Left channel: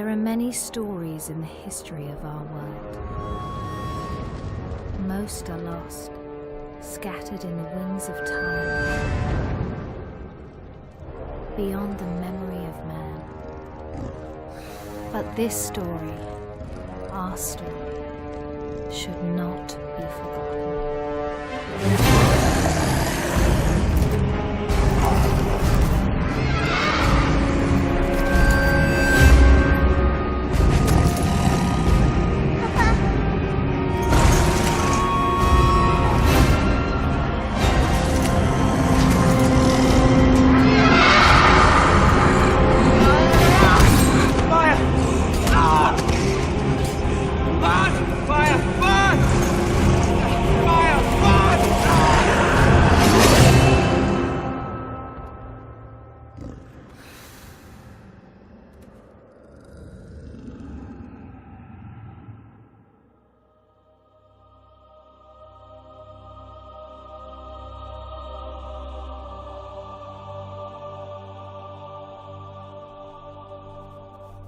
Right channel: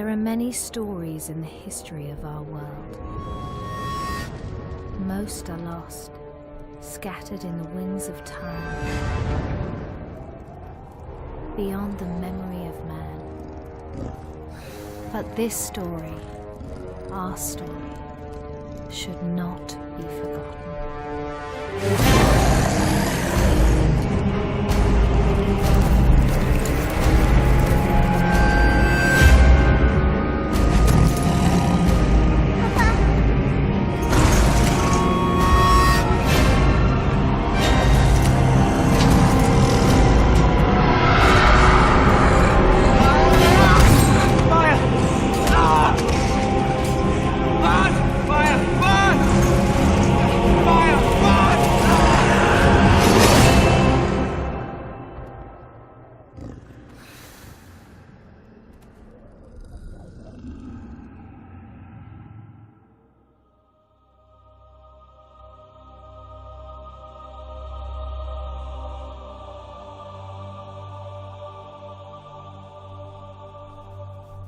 There are many stories in the history of our world. Most are lost, scattered in the winds of time, beyond the memory of man. But this story, our story, should not be forgotten.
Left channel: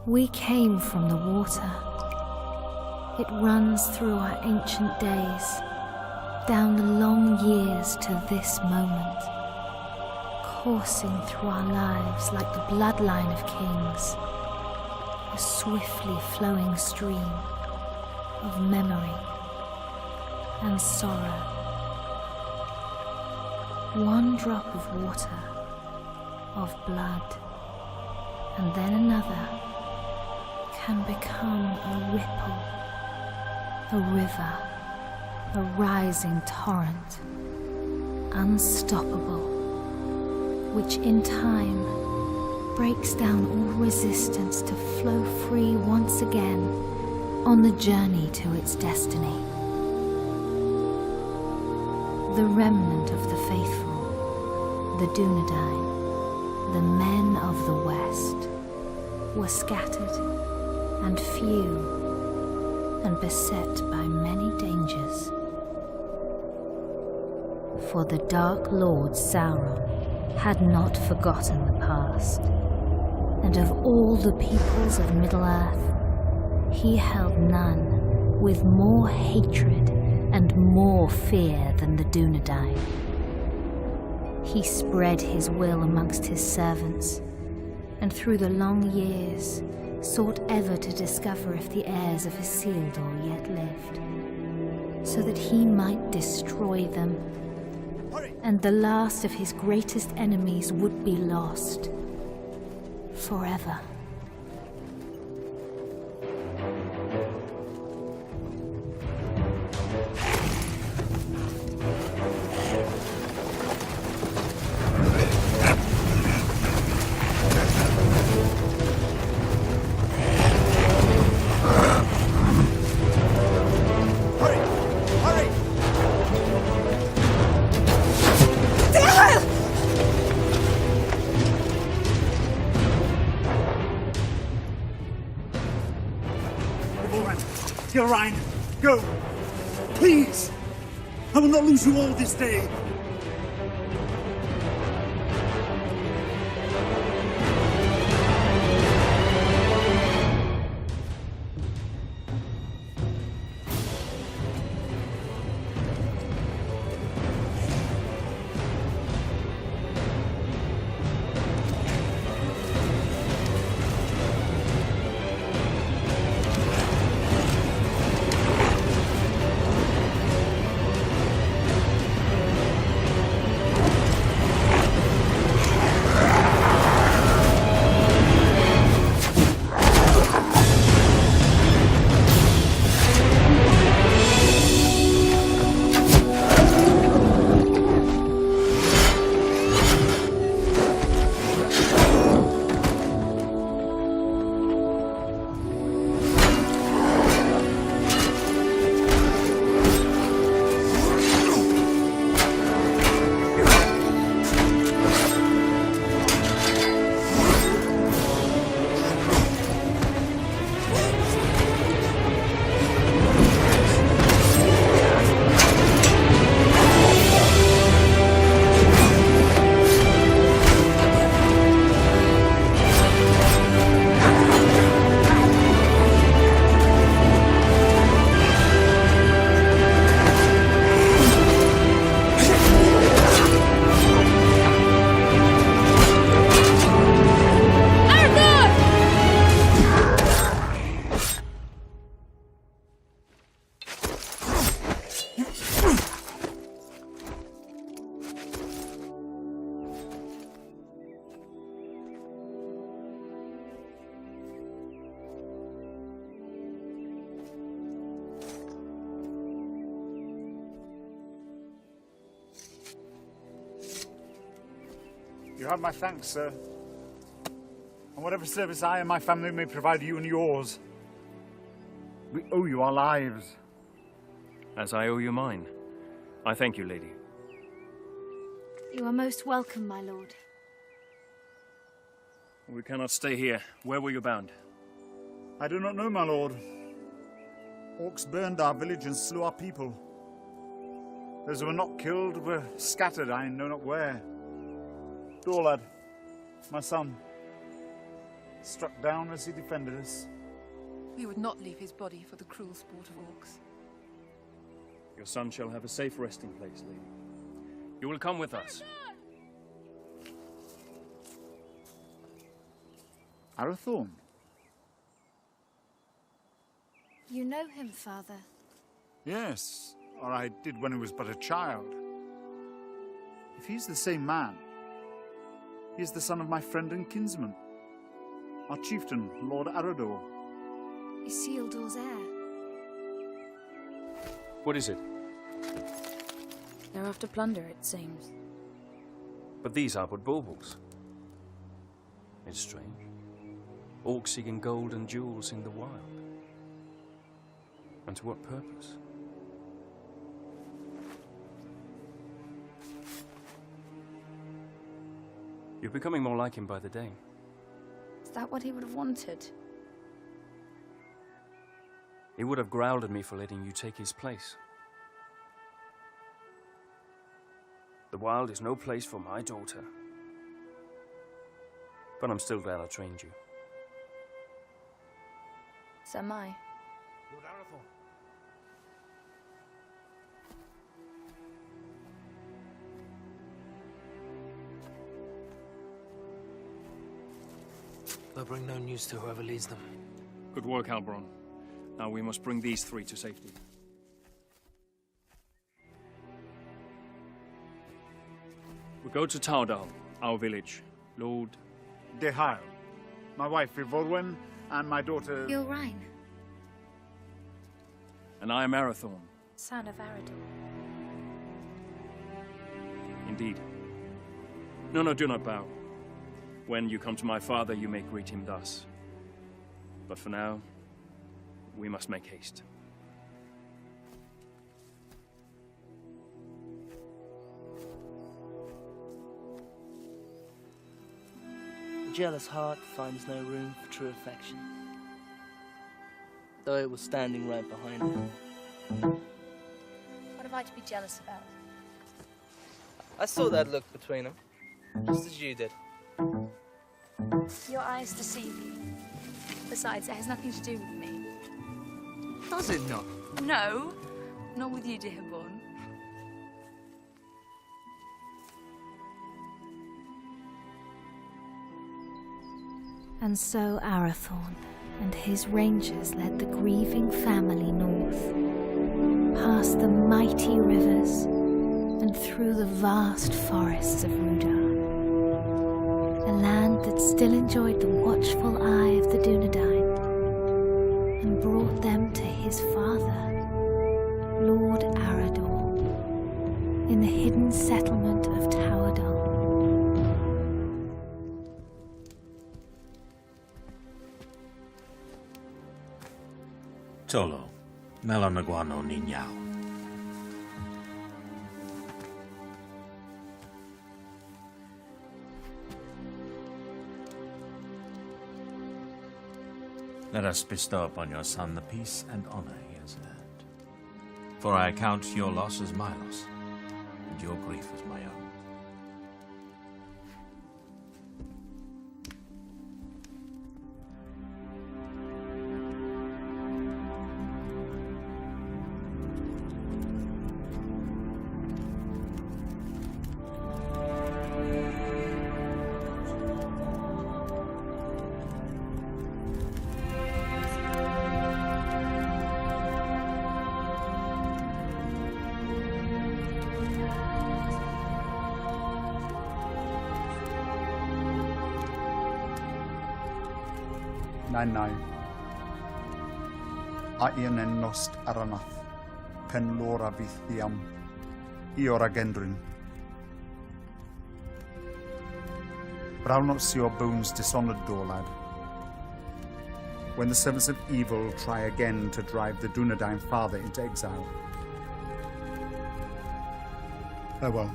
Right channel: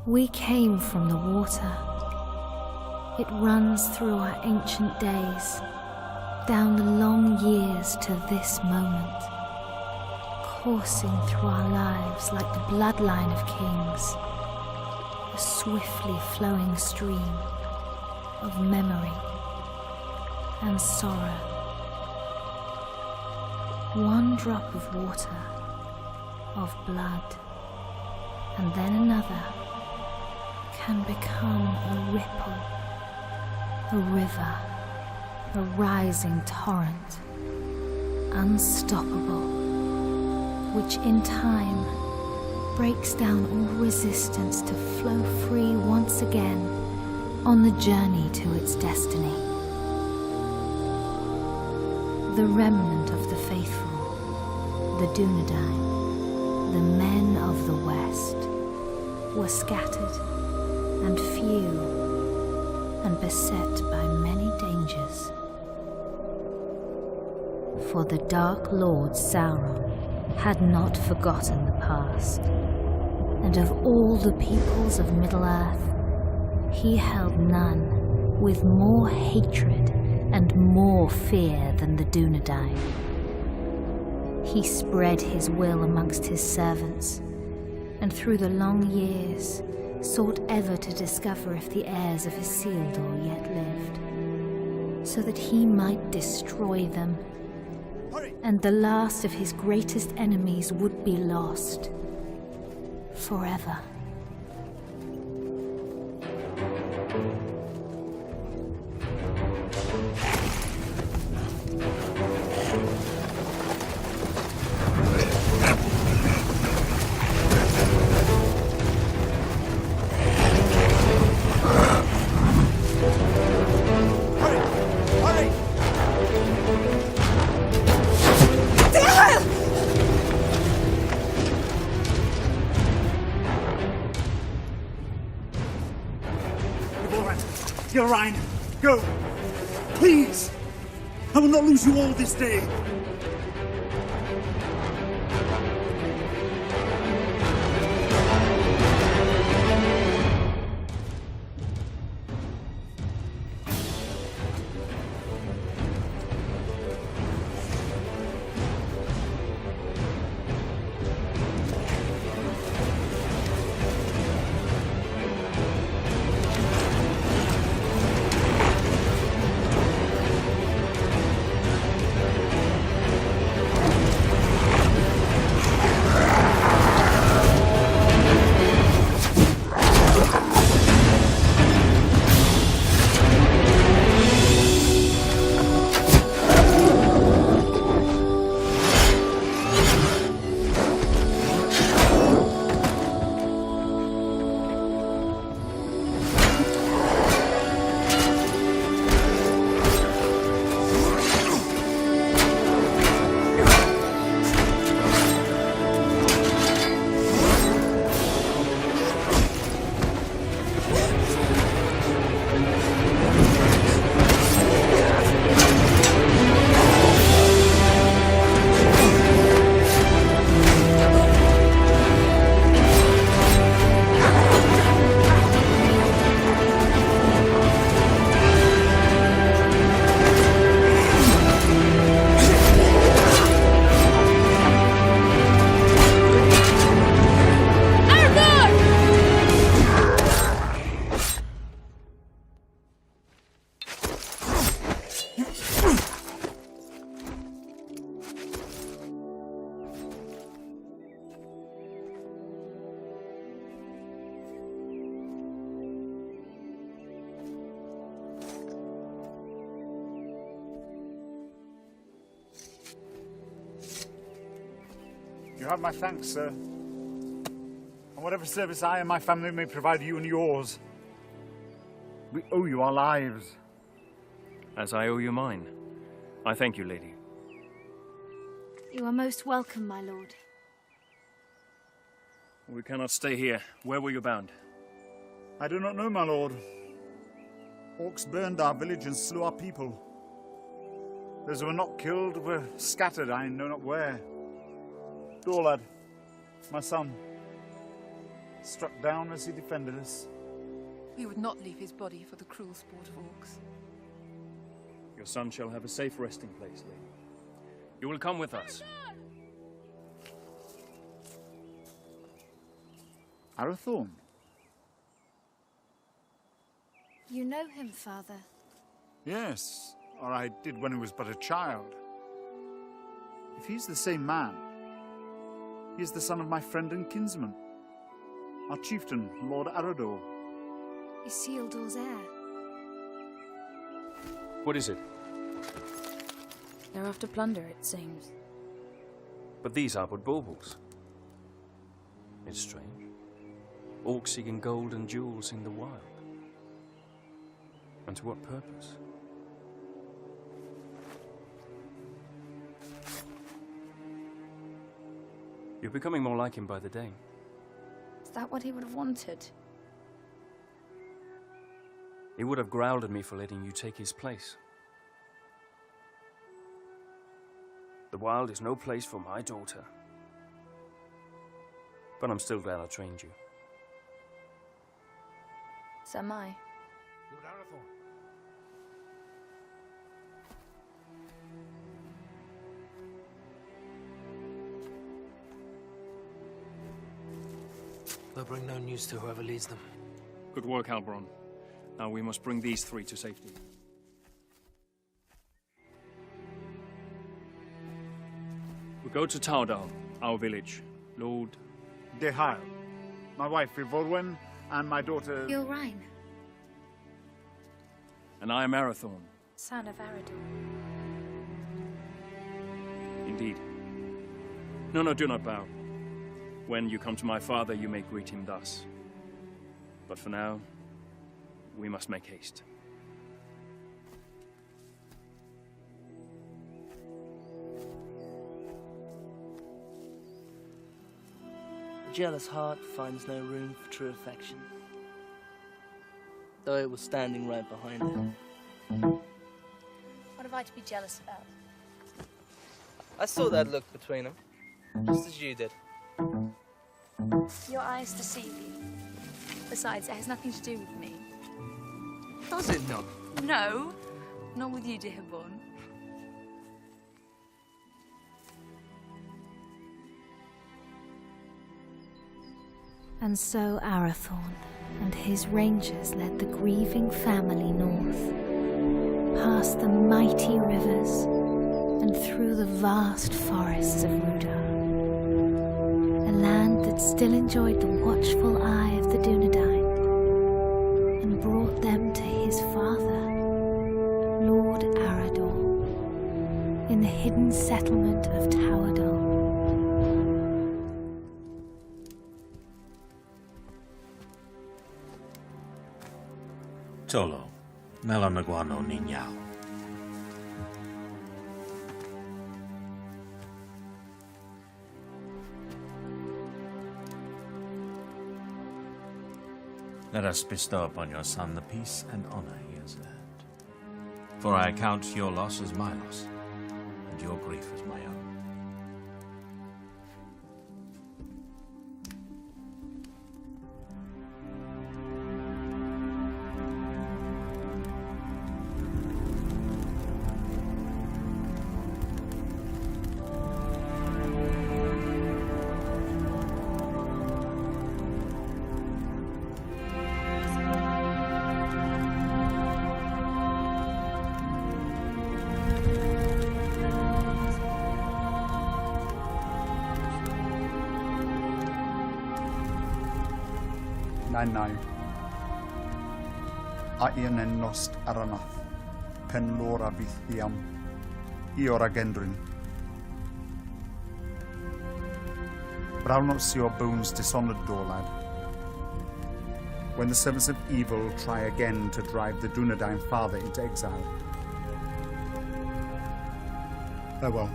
We came from the water. It runs through our ancient days, down the long years to this moment, coursing through our lives like the bloodline of kings, a swiftly flowing stream of memory and sorrow. One drop of water, of blood, and then another, can become a ripple, a river, a rising torrent, unstoppable, which in time breaks down all resistance to flow free once again on the journey to its destiny. The remnant of the faithful, the Dunedain, the men of the West, were scattered and few, and beset by many dangers. For the Dark Lord Sauron had not forgotten the past, and of all the peoples of Middle-earth, he held none with more hatred and more fear than the Dunedain. He spread his will amongst his servants, and through the long years sought ever to discover if the heirs of Isildur yet lived, so that he might destroy them, and the last of his greatest enemies would be lost forever. Ryan, go! Please! I will not lose you all this day! You have my thanks, sir. And whatever service I and my family may provide you and yours, we owe you our lives. As I owe you mine. I thank you, lady. You are most welcome, my lord. We cannot stay here. Where were you bound? I do not know, my lord. Orcs burned our village and slew our people. Those who were not killed were scattered, I know not where. Dorlad, my son, struck down as he defended us. We would not leave his body for the cruel sport of orcs. Your son shall have a safe resting place, lady. You will come with us. Arathorn? You know him, father? Yes, or I did when he was but a child. If he's the same man, he is the son of my friend and kinsman, our chieftain, Lord Arador. Isildur's heir. What is it? They're after plunder, it seems. But these are but baubles. It's strange. Orcs seeking gold and jewels in the wild. And to what purpose? You're becoming more like him by the day. Is that what he would have wanted? He would have growled at me for letting you take his place. The wild is no place for my daughter. But I'm still glad I trained you. So am I. Lord Arathorn. They'll bring no news to whoever leads them. Good work, Halbron. Now we must bring these three to safety. We go to Taudal, our village. Lord... Dehail, my wife Ivorwen, and my daughter... Gilrain, And I am Arathorn. son of Arador. Indeed. No, do not bow. When you come to my father, you may greet him thus. But for now, we must make haste. A jealous heart finds no room for true affection, though it was standing right behind it. What have I to be jealous about? I saw that look between them, just as you did. Your eyes deceive you. Besides, it has nothing to do with me. Does it not? No, not with you, dear Born. And so Arathorn and his rangers led the grieving family north, past the mighty rivers and through the vast forests of Rudar, a land that still enjoyed the watchful eye of the Dunedain, and brought them to his father, Lord Arador, in the hidden settlement of Taudal. Tolo, Melanaguano Niñao. Let us bestow upon your son the peace and honor he has earned. For I account your loss as my loss, and your grief as my own. Nai. Aien en nost aranath, pen lora vithiam, iora gendrin. But I'll not see your bones dishonoured, though, lad. When the servants of evil try again to drive the Dunedain father into exile. Farewell.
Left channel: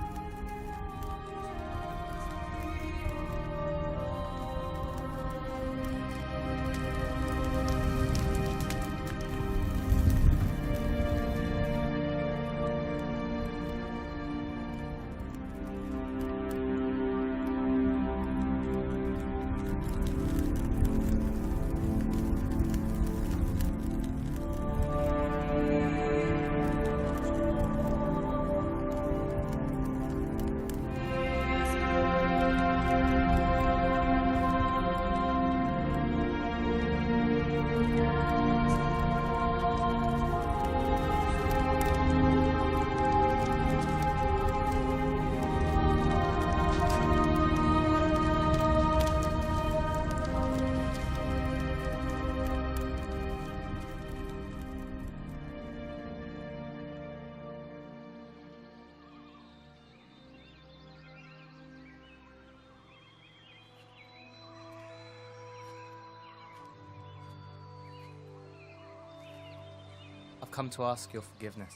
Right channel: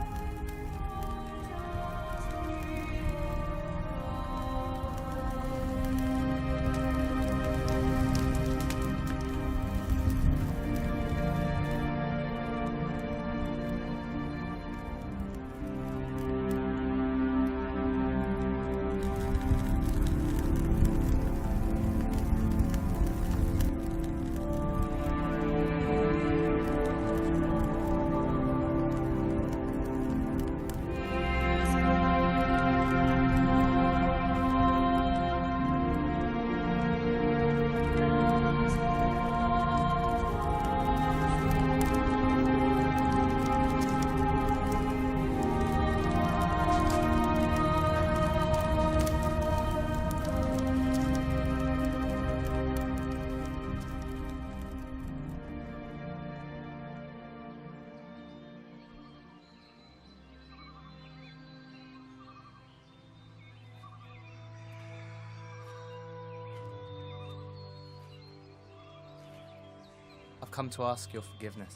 I've come to ask your forgiveness.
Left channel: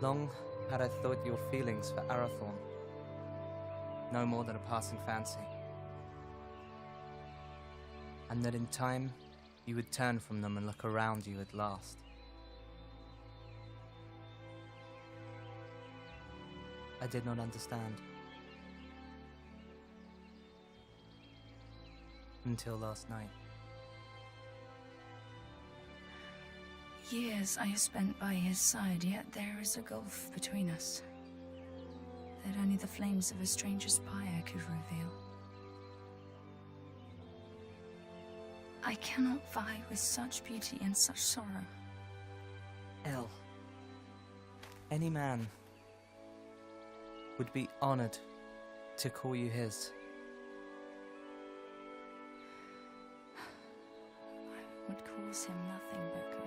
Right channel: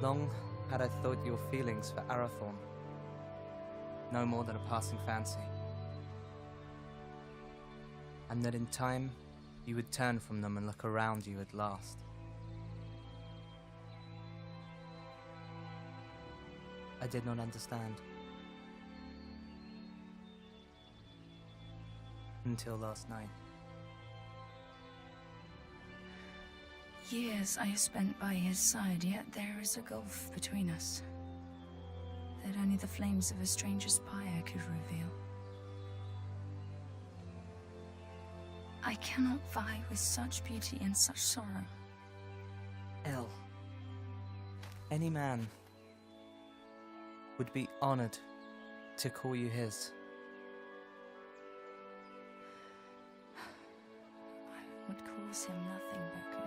Long had I thought your feelings for Arathorn no more than a passing fancy, and that in time you would turn from them and look around you at last. I did not understand. Until last night. Years I have spent by his side, yet there is a gulf between us that only the flames of a stranger's pyre could reveal. I cannot vie with such beauty and such sorrow. El, any man would be honored to call you his. I would cause him nothing but grief.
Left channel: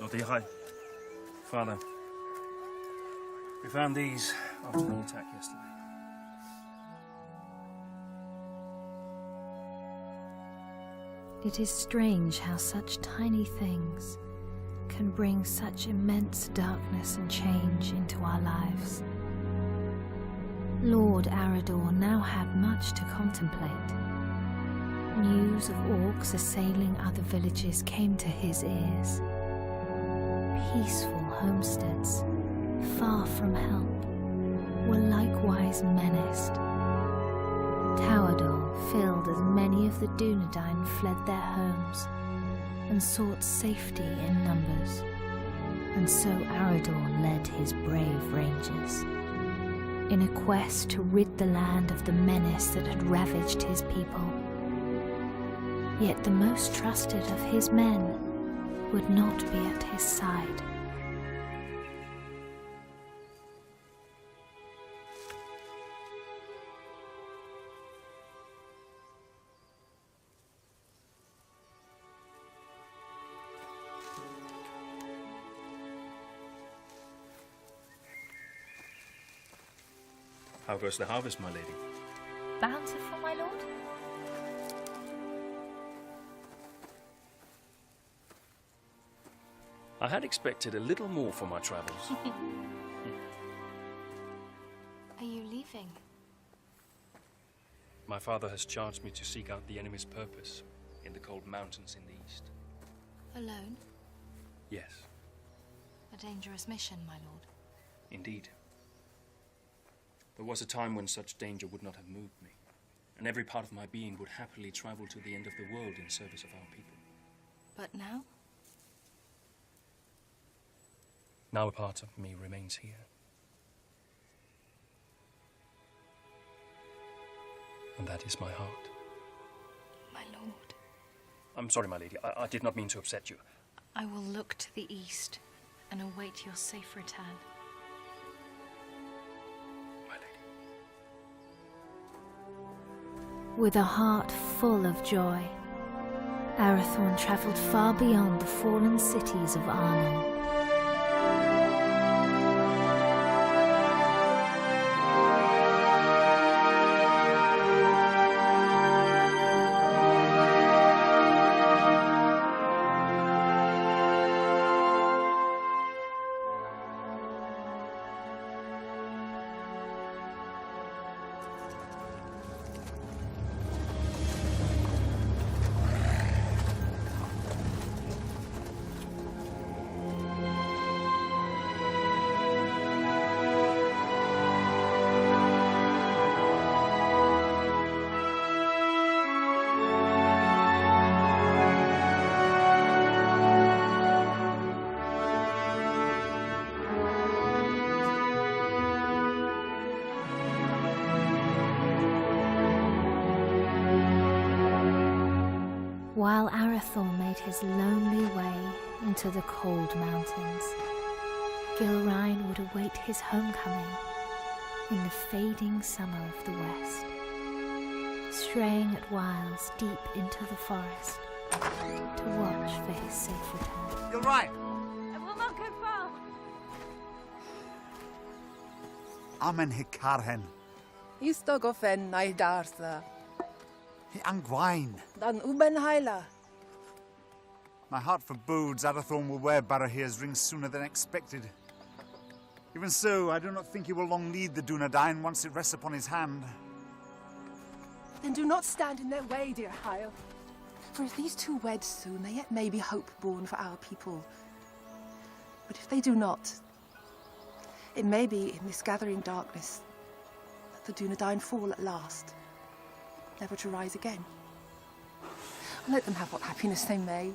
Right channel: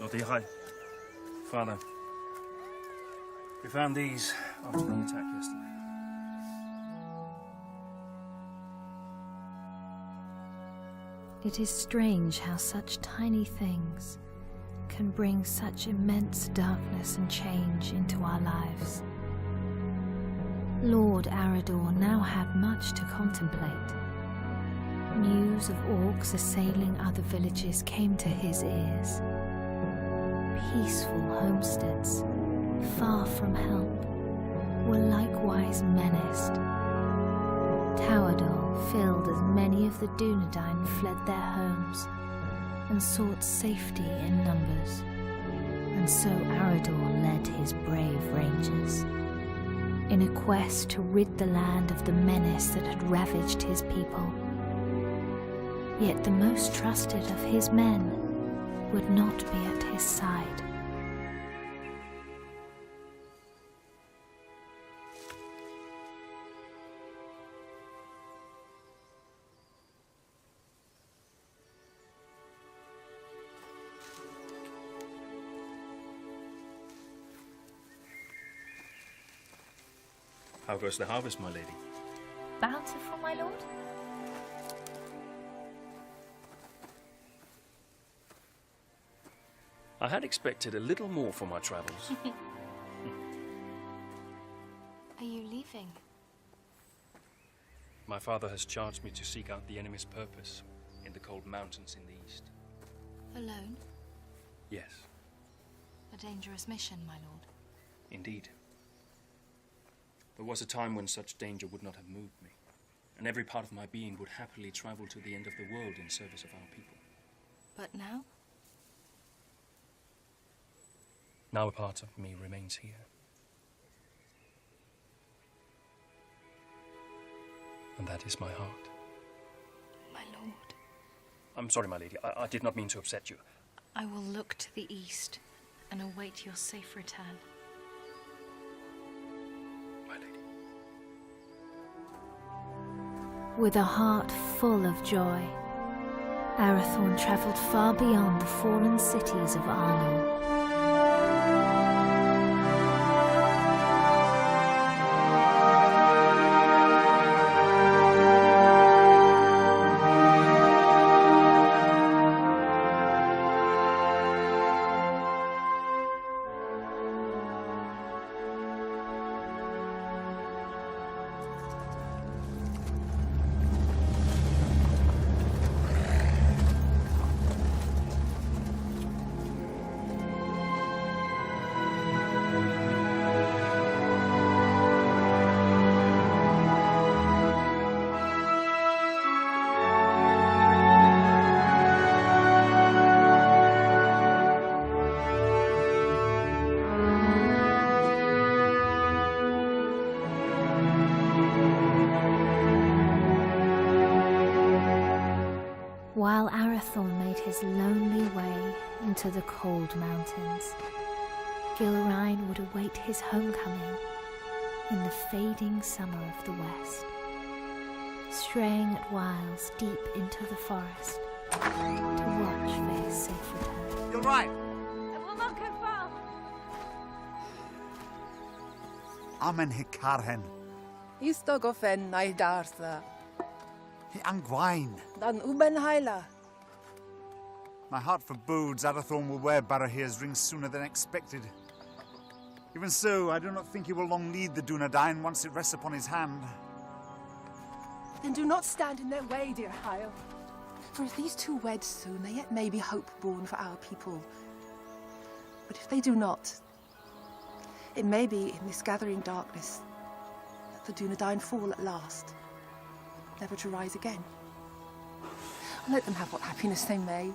Lord Ihai, Father, we found these after the attack yesterday. It is strange how such tiny things can bring such immense darkness and change into our lives. Lord Arador now had much to contemplate. News of orcs assailing other villages came to his ears. Peaceful homesteads, far from help, were likewise menaced. Towerdal filled as many of the Dunedain fled their homes and sought safety in numbers, and so Arador led his brave rangers in a quest to rid the land of the menace that had ravaged his people. Yet the most trusted of his men would not be at his side. How goes the harvest, my lady? Bountiful, my lord? I had expected a little more for my travels. Are you leaving? My father has charged me to seek out the enemy's purpose in the cold mountains in the east. Alone? Yes, A dangerous mission, my lord. indeed. There was a time when such danger would not have moved me, and every part of my being would happily travel to the end of the world in service of our people. But now? Now a part of me remains here. And that is my heart. My lord. I'm sorry, my lady. I did not mean to upset you. I will look to the east and await your safe return. My lady. With a heart full of joy, Arathorn travelled far beyond the fallen cities of Arnor. While Arathorn made his lonely way into the cold mountains, Gilrain would await his homecoming in the fading summer of the west, straying at whiles deep into the forest to watch for his safe return. You're right. I will not go far. Amen hikarhen. Istogofen naidarsa. Hi angwain. Dan uben haila. My heart forebodes Arathorn will wear Barahir's ring sooner than expected. Even so, I do not think he will long need the Dunedain once it rests upon his hand. Then do not stand in their way, dear Hyle. For if these two wed soon, there yet may be hope born for our people. But if they do not, it may be in this gathering darkness that the Dunedain fall at last, never to rise again. And let them have what happiness they may.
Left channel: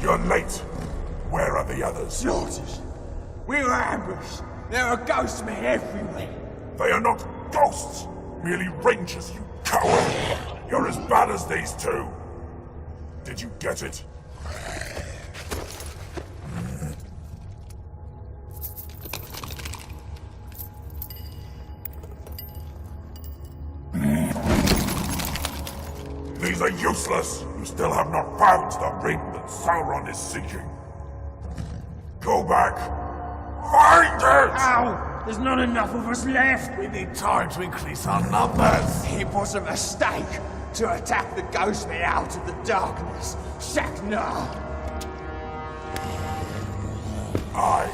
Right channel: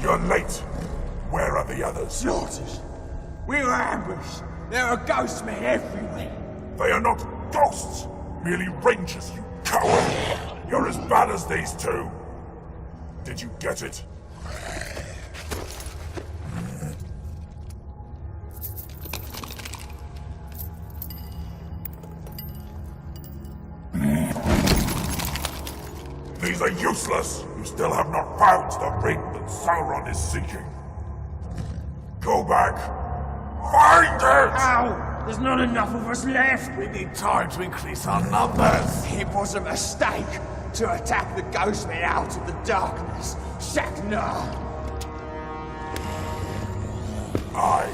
You're late. Where are the others? Slaughtered. We were ambushed. There are ghost men everywhere. They are not ghosts, merely rangers, you coward! You're as bad as these two. Did you get it? These are useless! You still have not found the ring that Sauron is seeking. Go back. Find it! Ow! There's not enough of us left! We need time to increase our numbers. It was a mistake to attack the ghost men out of the darkness. Shaknar! I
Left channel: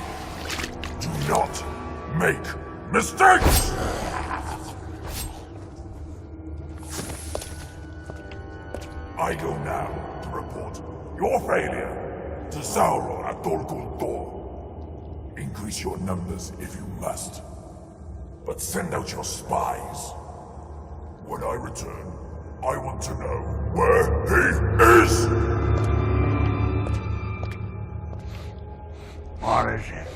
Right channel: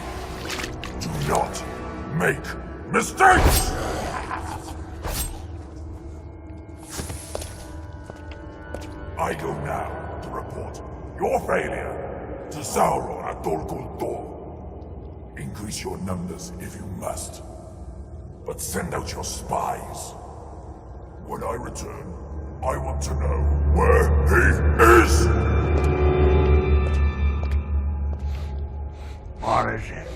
do not make mistakes! I go now to report your failure to Sauron at Dol Guldur. Increase your numbers if you must, but send out your spies. When I return, I want to know where he is! What is it?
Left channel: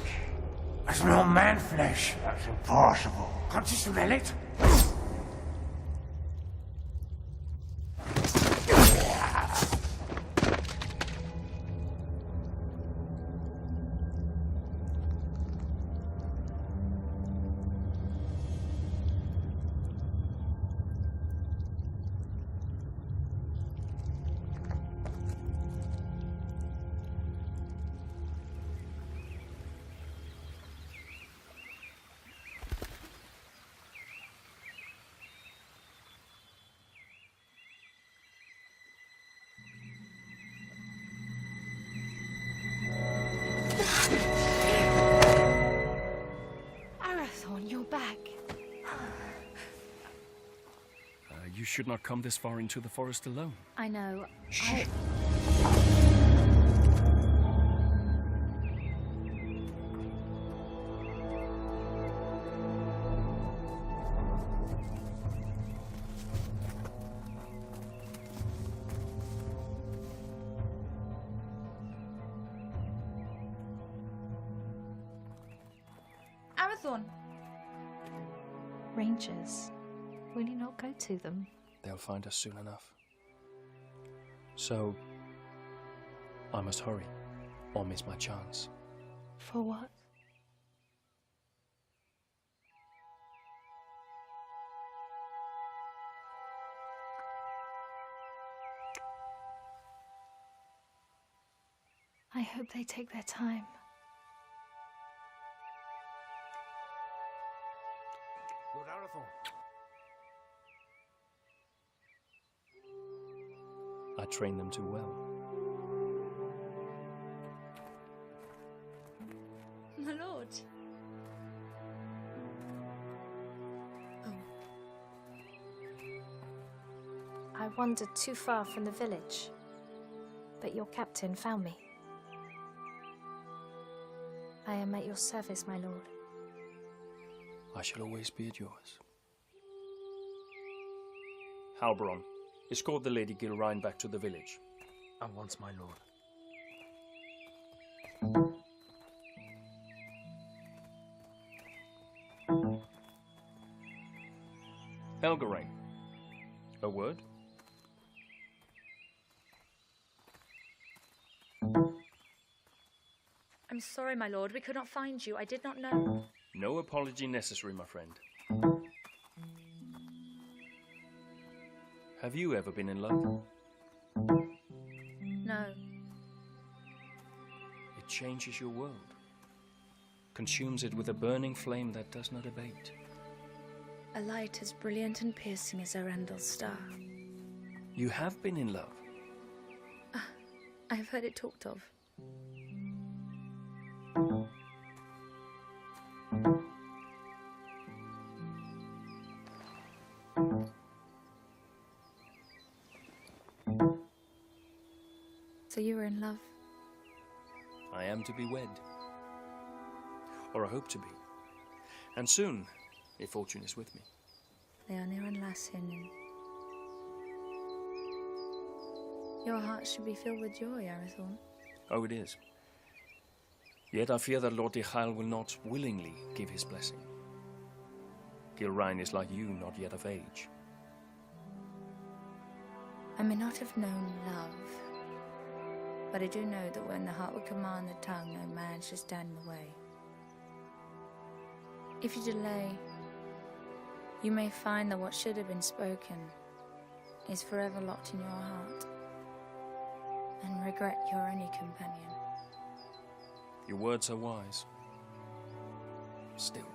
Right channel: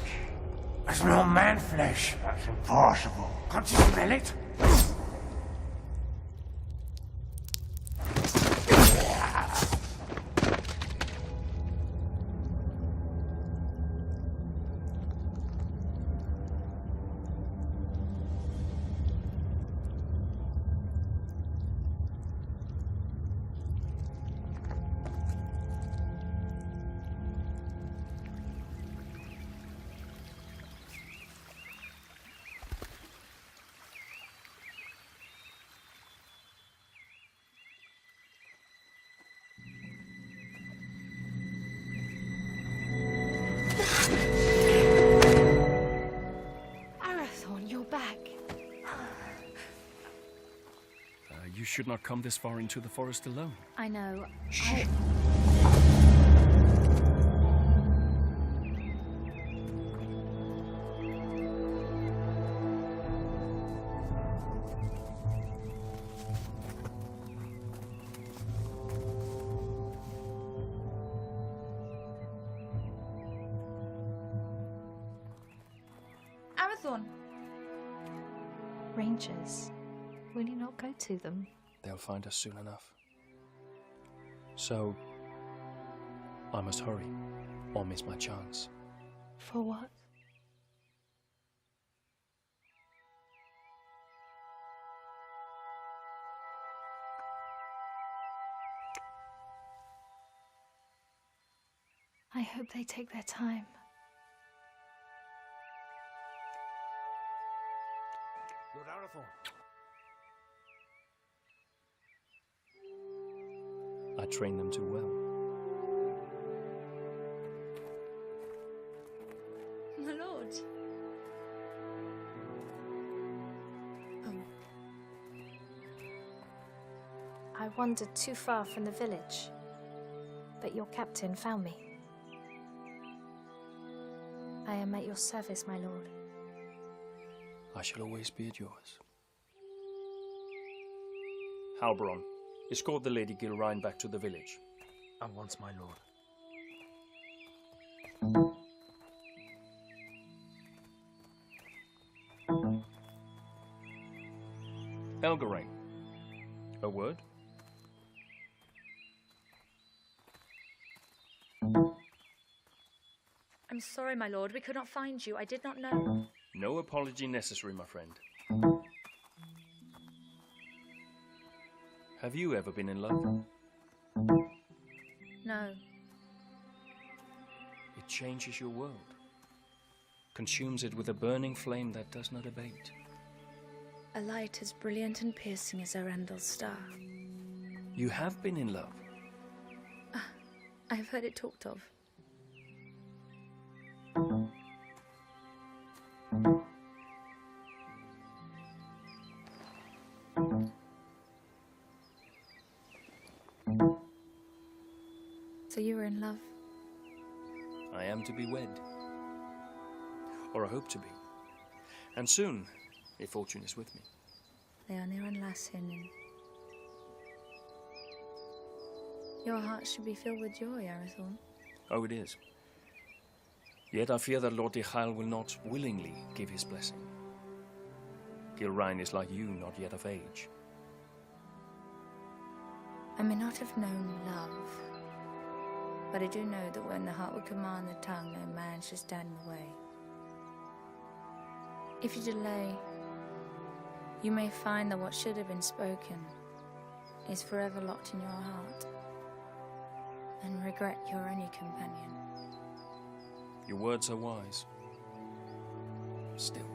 It's not man flesh. That's impossible. Can't you smell it? Arathorn, you're back. You should not come this far into the forest alone. I know. Arathorn! Rangers. Will you not go to them? They'll find us soon enough. So, I must hurry, or miss my chance. For what? I hope they take their time. Lord Arathorn. I trained them too well. My lord. I wandered too far from the village, but your captain found me. I am at your service, my lord. I shall always be at yours. Halbron, escort the Lady Gilrine back to the village. At once, my lord. Elgarain, a word? I'm sorry, my lord. We could not find you. I did not know. No apology necessary, my friend. Have you ever been in love? No. It changes your world, consumes it with a burning flame that does not abate. A light as brilliant and piercing as Arundel's star. You have been in love. I have heard it talked of. So you were in love? I am to be wed. Or I hope to be. And soon, if fortune is with me. Leonir and Lassinin. Your heart should be filled with joy, Arathorn. Oh, it is. Yet I fear that Lord Dichael will not willingly give his blessing. Gilrine is like you, not yet of age. I may not have known love, but I do know that when the heart would command the tongue, no man should stand in the way. If you delay, you may find that what should have been spoken is forever locked in your heart, and regret your only companion. Your words are wise. Still.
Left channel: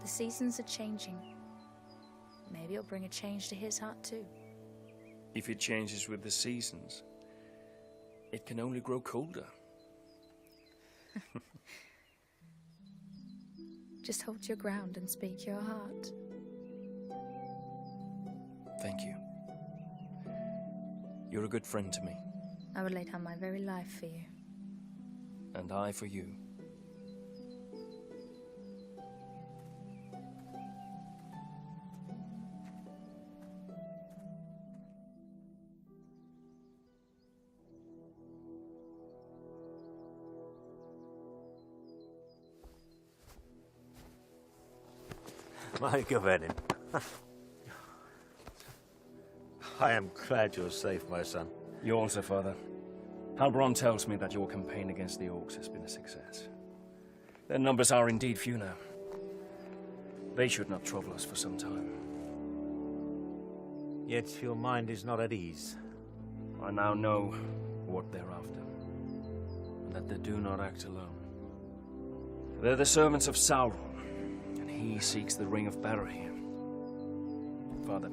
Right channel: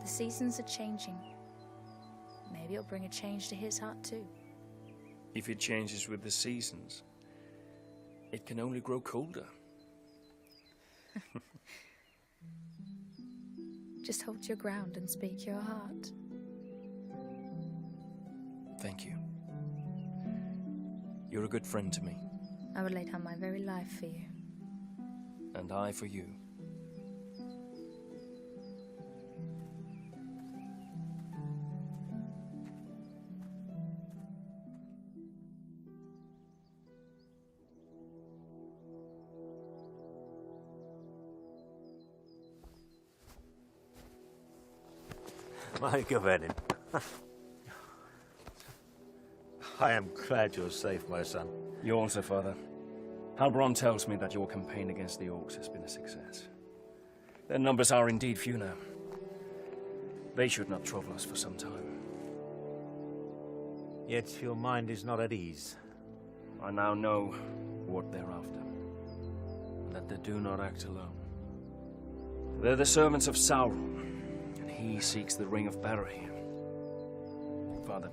The seasons are changing. Maybe it'll bring a change to his heart too. If it changes with the seasons, it can only grow colder. Just hold your ground and speak your heart. Thank you. You're a good friend to me. I would lay down my very life for you. And I for you. My Gavenin. I am glad you're safe, my son. You also, Father. Halbron tells me that your campaign against the orcs has been a success. Their numbers are indeed few now. They should not trouble us for some time. Yet your mind is not at ease. I now know what they're after, and that they do not act alone. They're the servants of Sauron, and he seeks the Ring of Barahir. Father,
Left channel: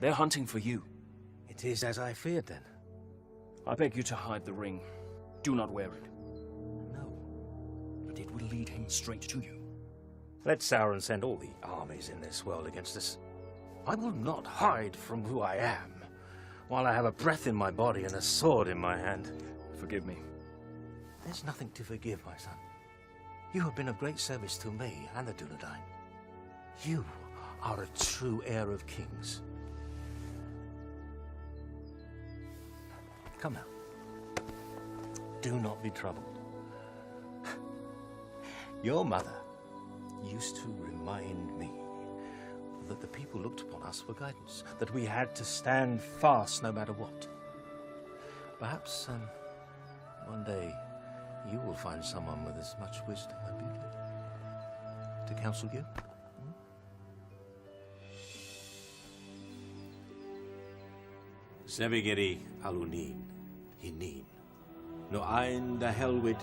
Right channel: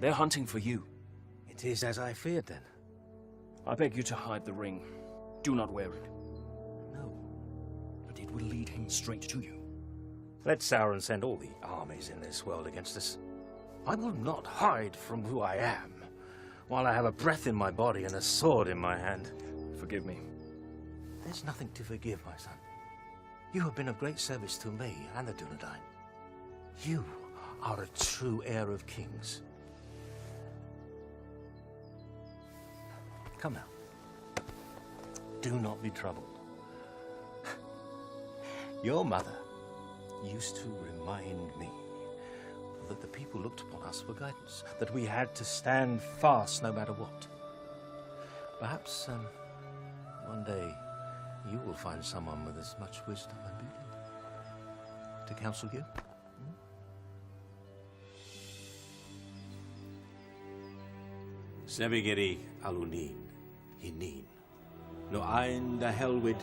they're hunting for you. It is as I feared, then. I beg you to hide the ring. Do not wear it. No. But it will lead him straight to you. Let Sauron send all the armies in this world against us. I will not hide from who I am, while I have a breath in my body and a sword in my hand. Forgive me. There's nothing to forgive, my son. You have been of great service to me and the Dunedain. You are a true heir of kings. Come now. Do not be troubled. Your mother used to remind me that the people looked upon us for guidance, that we had to stand fast no matter what. Perhaps one day you will find someone with as much wisdom and beauty to counsel you. Sebigeri alunin, hinin, no ein da helwid,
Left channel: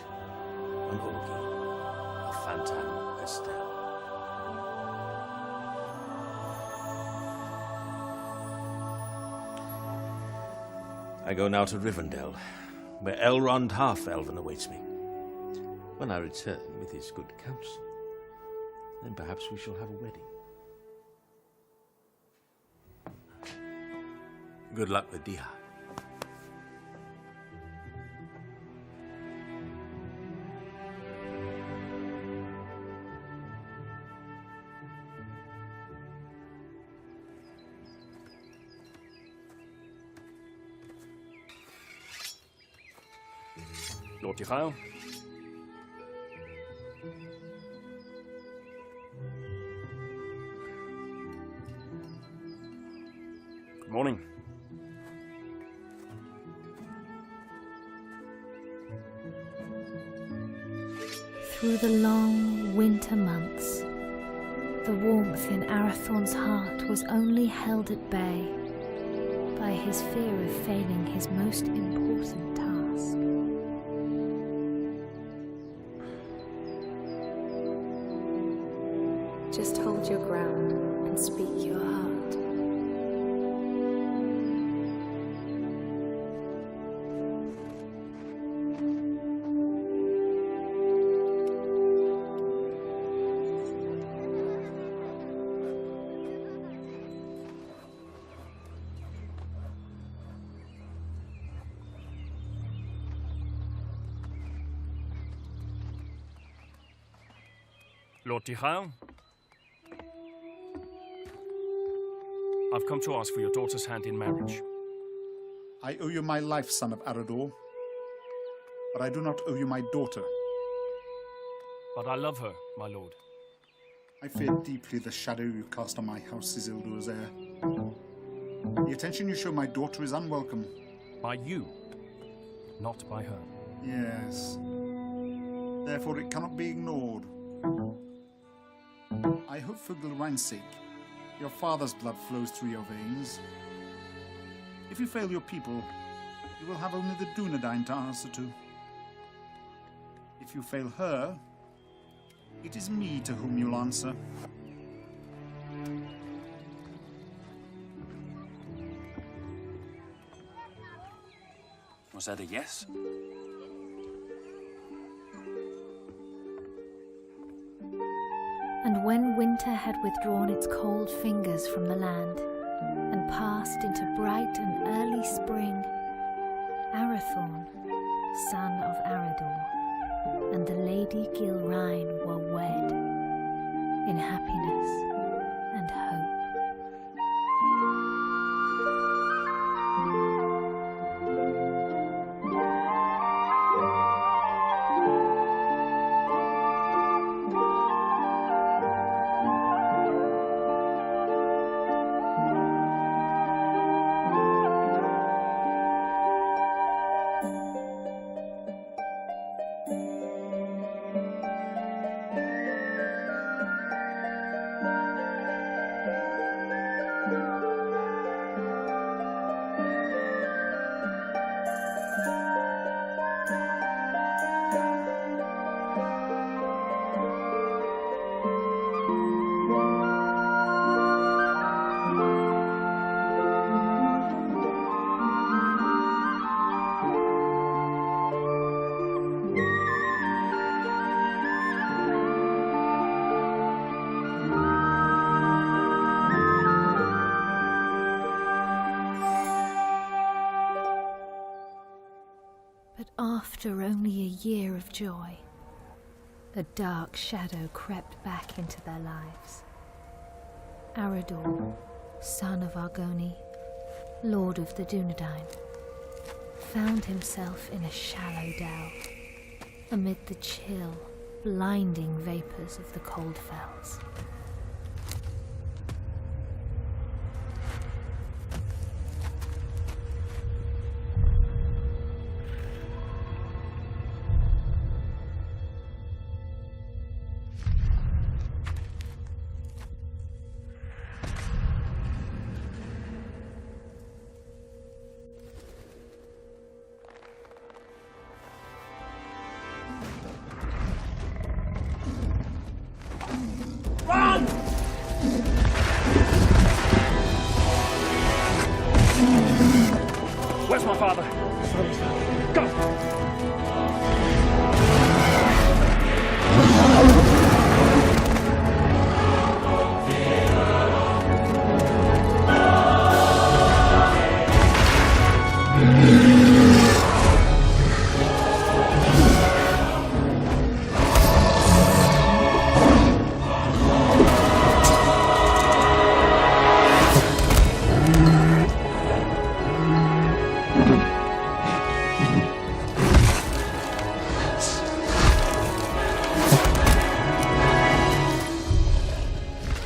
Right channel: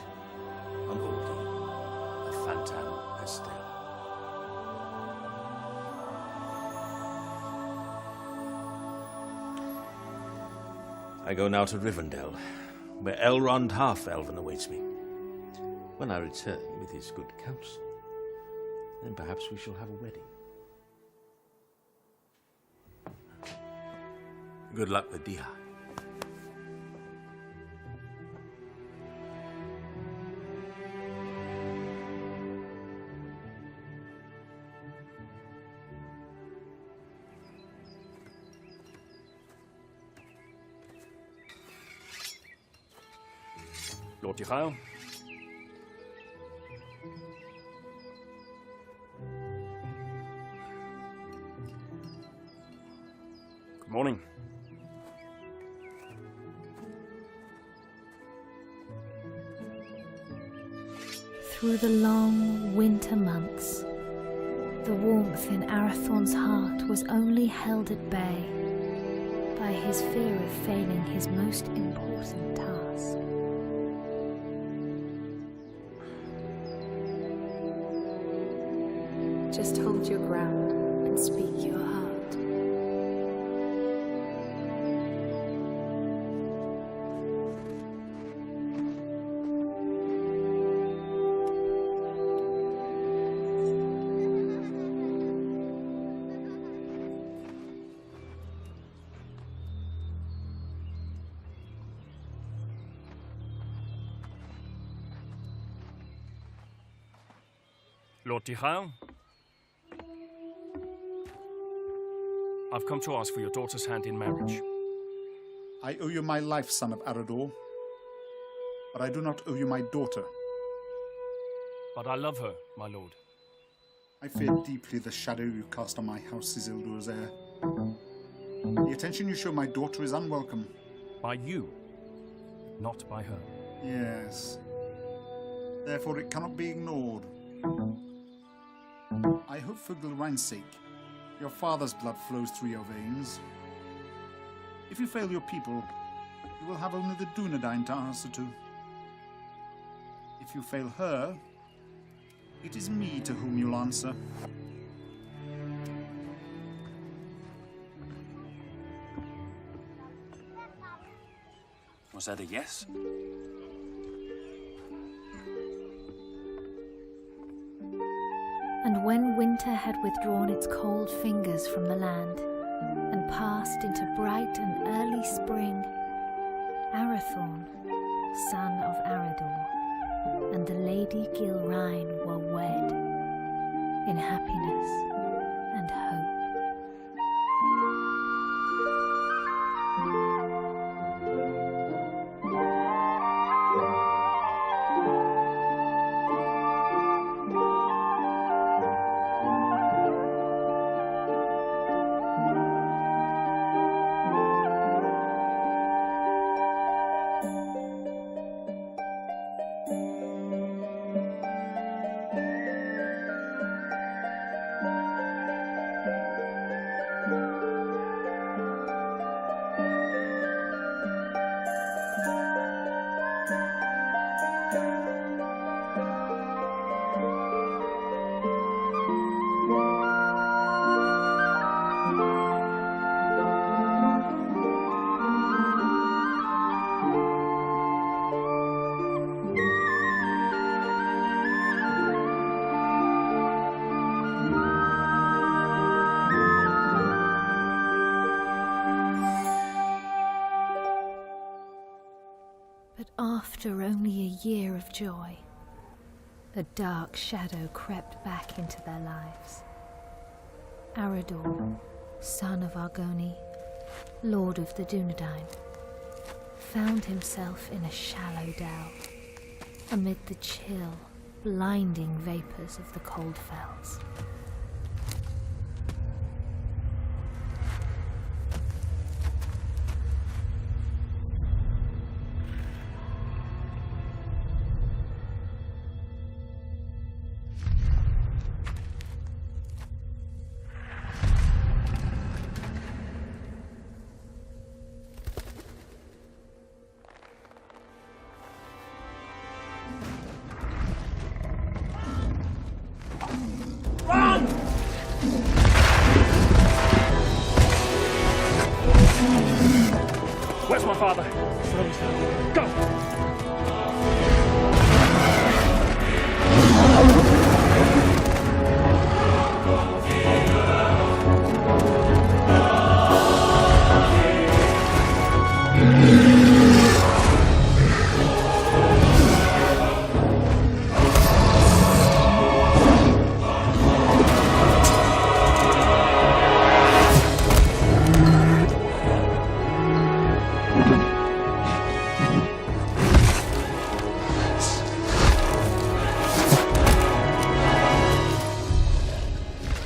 an olgi, a phantom estel. I go now to Rivendell, where Elrond Half-Elven awaits me. When I return with his good counsel, then perhaps we shall have a wedding. Good luck with Diha. Lord Ychael. Good morning. Through the long winter months, the warmth in Arathorn's heart was only held at bay by his fear of failing his most important task. Just hold your ground and speak your heart. Lord Ychael. I've come to ask for your daughter's hand in marriage. I owe you my life, son of Arador. But I do not owe you my daughter. But I love her, my lord. I fear deeply the shadow you cast on my house, Isildur's heir. The attention you show my daughter is unwelcome. By you, not by her. Yes. Therefore it cannot be ignored. I hope for Gilrain's sake, your father's blood flows through your veins. If you fail your people, you will have only the Dunedain to answer to. If you fail her, it is me to whom you'll answer. Was that a yes? And when winter had withdrawn its cold fingers from the land and passed into bright and early spring, Arathorn, son of Arador, and the Lady Gilrain were wed in happiness and hope. But after only a year of joy, a dark shadow crept back into their lives. Arador, son of Argoni, lord of the Dunedain, found himself in a shallow dell, amid the chill, blinding vapours of the cold fells. Where's my father? Go!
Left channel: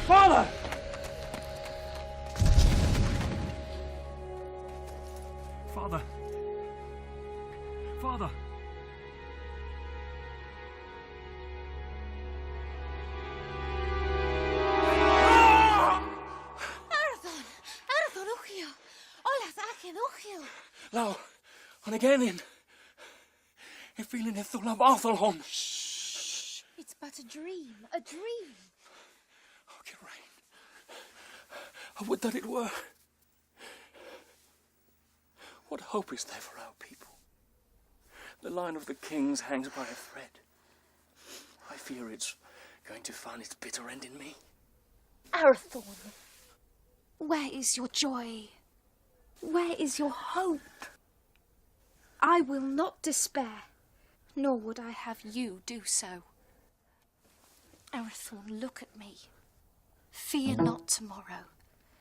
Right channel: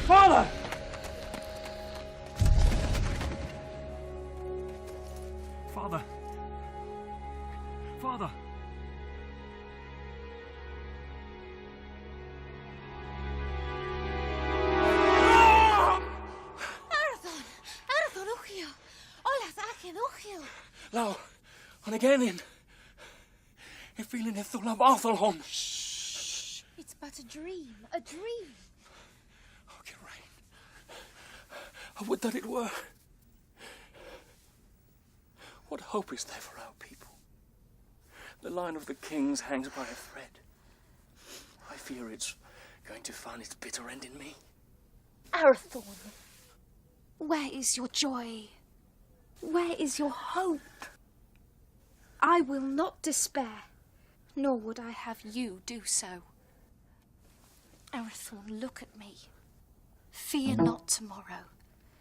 Father! Father! Arathon, Uchio! Olas Achen, Uchio! Lau, on again in. I feel in the love Arthelholm. Shh! It's but a dream, a dream. Oh, Geraint. I would that it were. What hope is there for our people? The line of the kings hangs by a thread. I fear it's going to find its bitter end in me. Arathorn, where is your joy? Where is your hope? I will not despair, nor would I have you do so. Arathorn, look at me. Fear not tomorrow,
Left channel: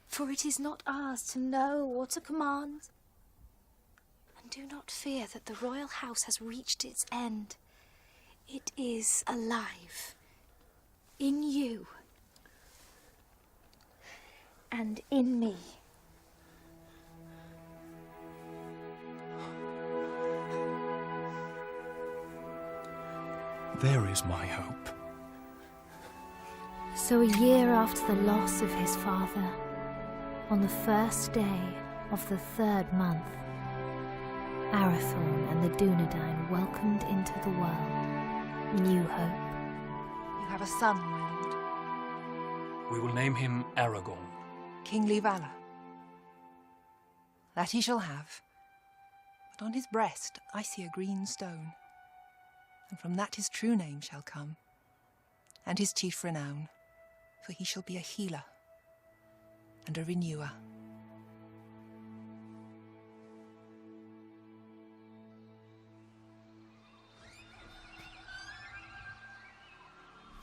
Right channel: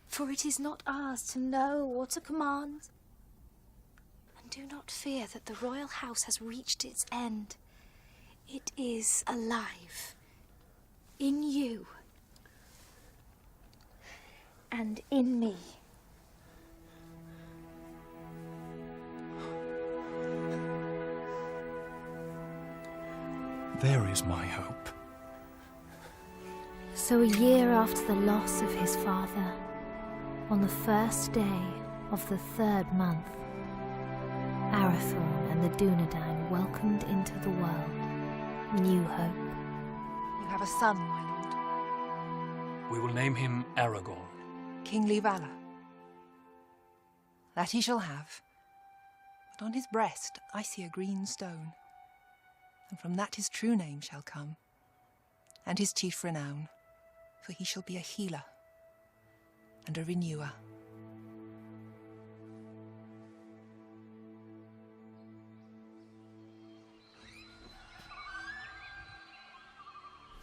for it is not ours to know or to command. And do not fear that the royal house has reached its end. It is alive. In you. And in me. There is my hope. So a year after the loss of his father, on the first day of the 3rd month, Arathorn and the Dunedain welcomed into the world new hope. You have a son, my lord. We will name him Aragorn. Kingly valor. That he shall have. But on his breast I see a green stone. And from that his true name shall come, and his chief renown, for he shall be a healer and a renewer.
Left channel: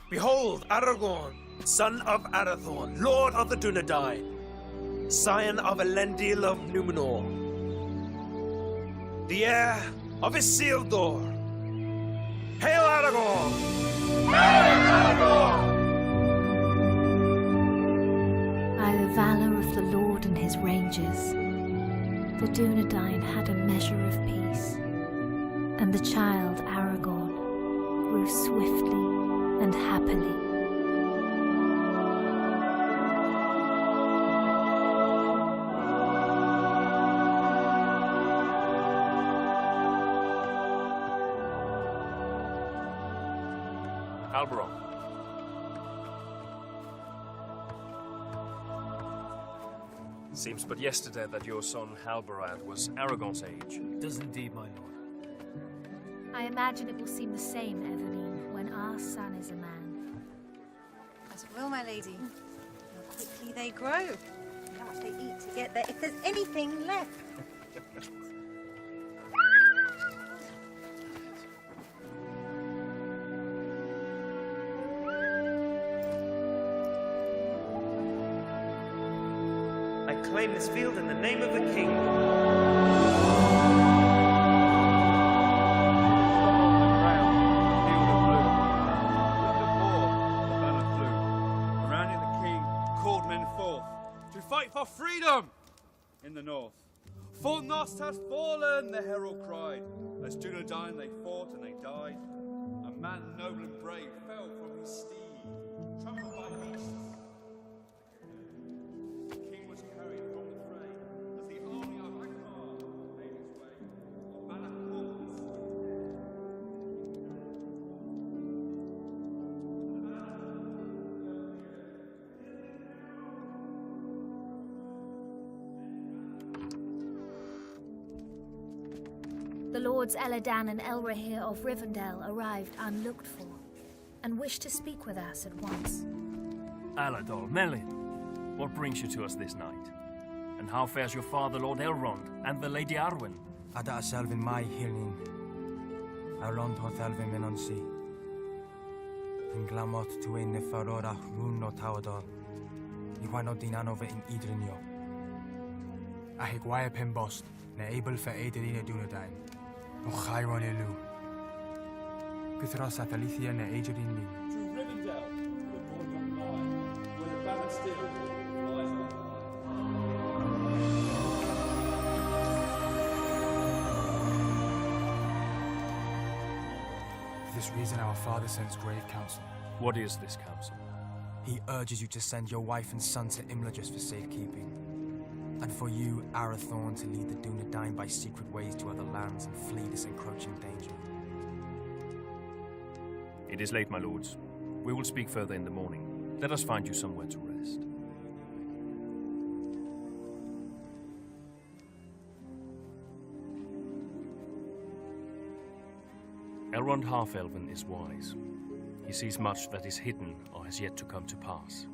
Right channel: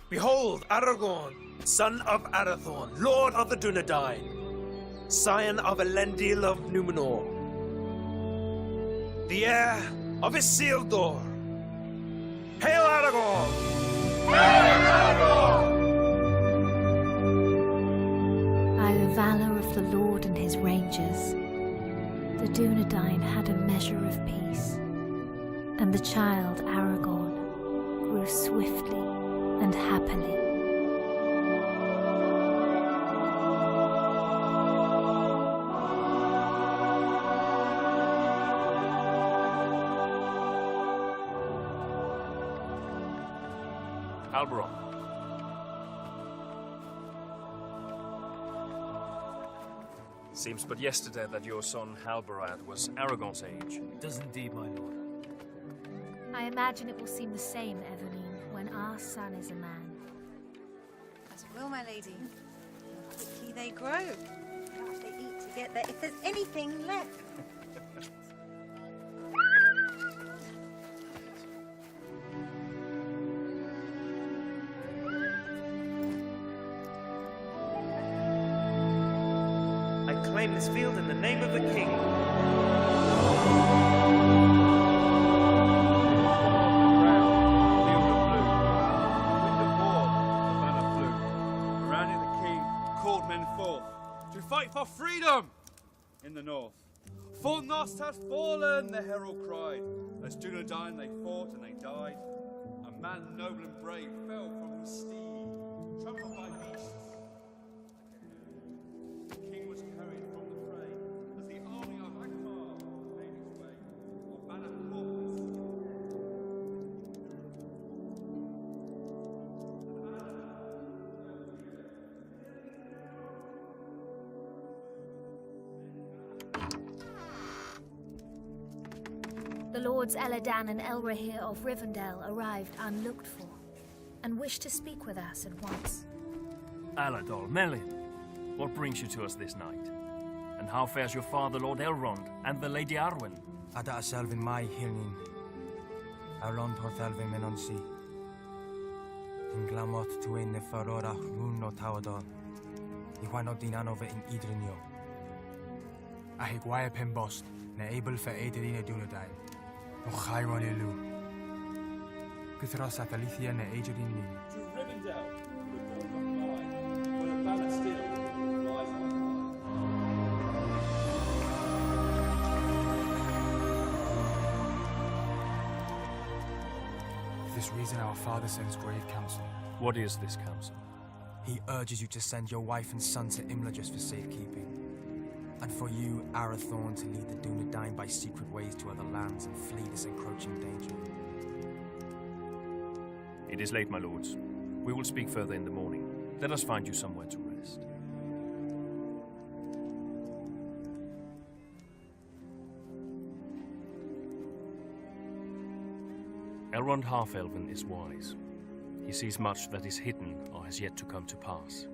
Behold, Aragorn, son of Arathorn, lord of the Dunedain, scion of Elendil of Numenor, the heir of Isildur. Hail Aragorn! Hail Aragorn! By the valour of the Lord and his rangers, the Dunedain had a measure of peace, and the child Aragorn grew swiftly and happily. Halberon. Seems but yesterday that your son Halberad was Aragorn's age. It does indeed, my lord. I imagine it will seem the same, Eveline, when our son is a man. As it will, my lady. How quickly they grow. How much they eat to get there, if there's anything left. claim this field in the name of the king. To fight for freedom in the north. For Nost has fallen, the herald cried. As Dunedain they fought and they died. A man noble and brave fell from his steed, trampled by beasts. The king was carried from the fray as the army of Akbar made its way. On banner caught and skipped dead. The Lords Eladan and Elrahir of Rivendell arrived unlooked for, and wished to speak with us at once. Aladol, Melin, what brings you to us this night? And how fares your father, Lord Elrond, and the Lady Arwen? Ada Selvin mai hirnin. Elrond hoth Elvin menonsi. In glamot tuin ne farorach rún no tawadol. Iwano dinanove in idrinio. Ahigwaya pimbost, ne able for Aederina Dunedain. No Chiron elu. Guthros Athalicia ne Aederin lin. To Rivendell, the dawn doth lie, where the banner still flies on For this reason our father sends grave counsel. What is this counsel? He urges you to send your wife and son to Imla just for safekeeping. And for you, Arathorn, to lead the Dunedain by secret ways to other lands and flee this encroaching danger. It is late, my lords. We will speak further in the morning. Let us find you somewhere to rest. Elrond Half-Elven is wise. He sees much that is hidden or has yet to come to pass.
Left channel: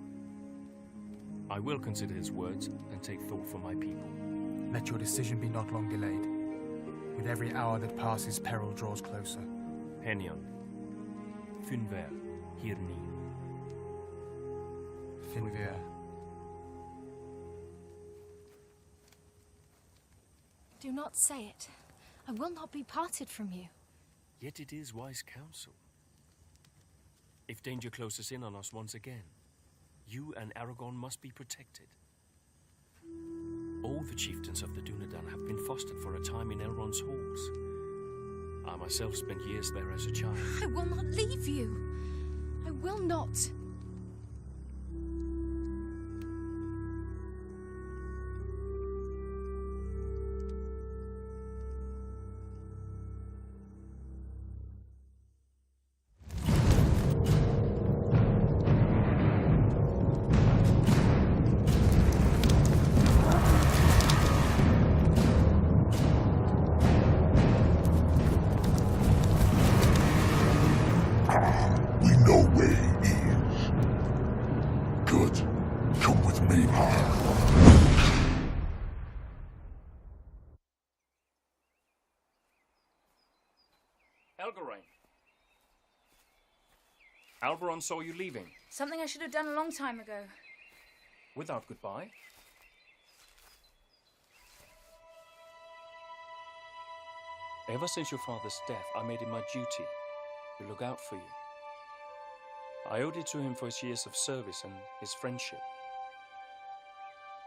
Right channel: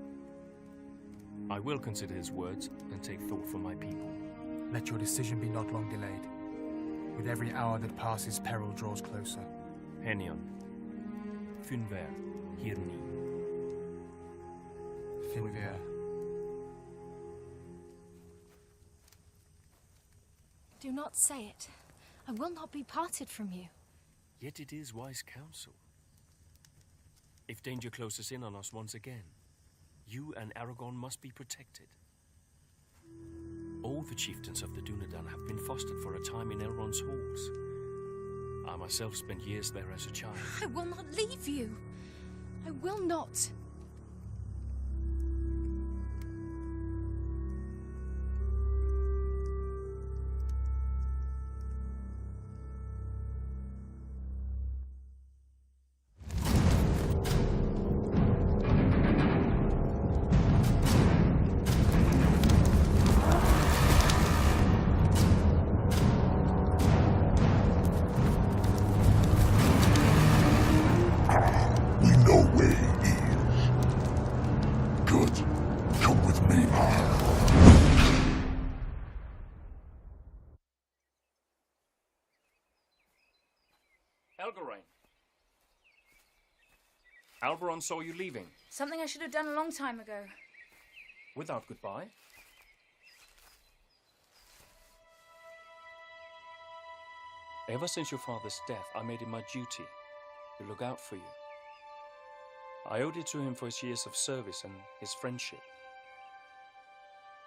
I will consider his words and take thought for my people. Let your decision be not long delayed. With every hour that passes, peril draws closer. Henion. Finver. Hirni. Finver. Do not say it. I will not be parted from you. Yet it is wise counsel. If danger closes in on us once again, you and Aragorn must be protected. All the chieftains of the Dunedain have been fostered for a time in Elrond's halls. I myself spent years there as a child. I will not leave you. I will not. We know where he is. Good. Come with me. Elgarain. Alberon saw you leaving. Something I should have done a long time ago. Without goodbye? Ever since your father's death, I made it my duty to look out for you. I owed it to him for his years of service and his friendship.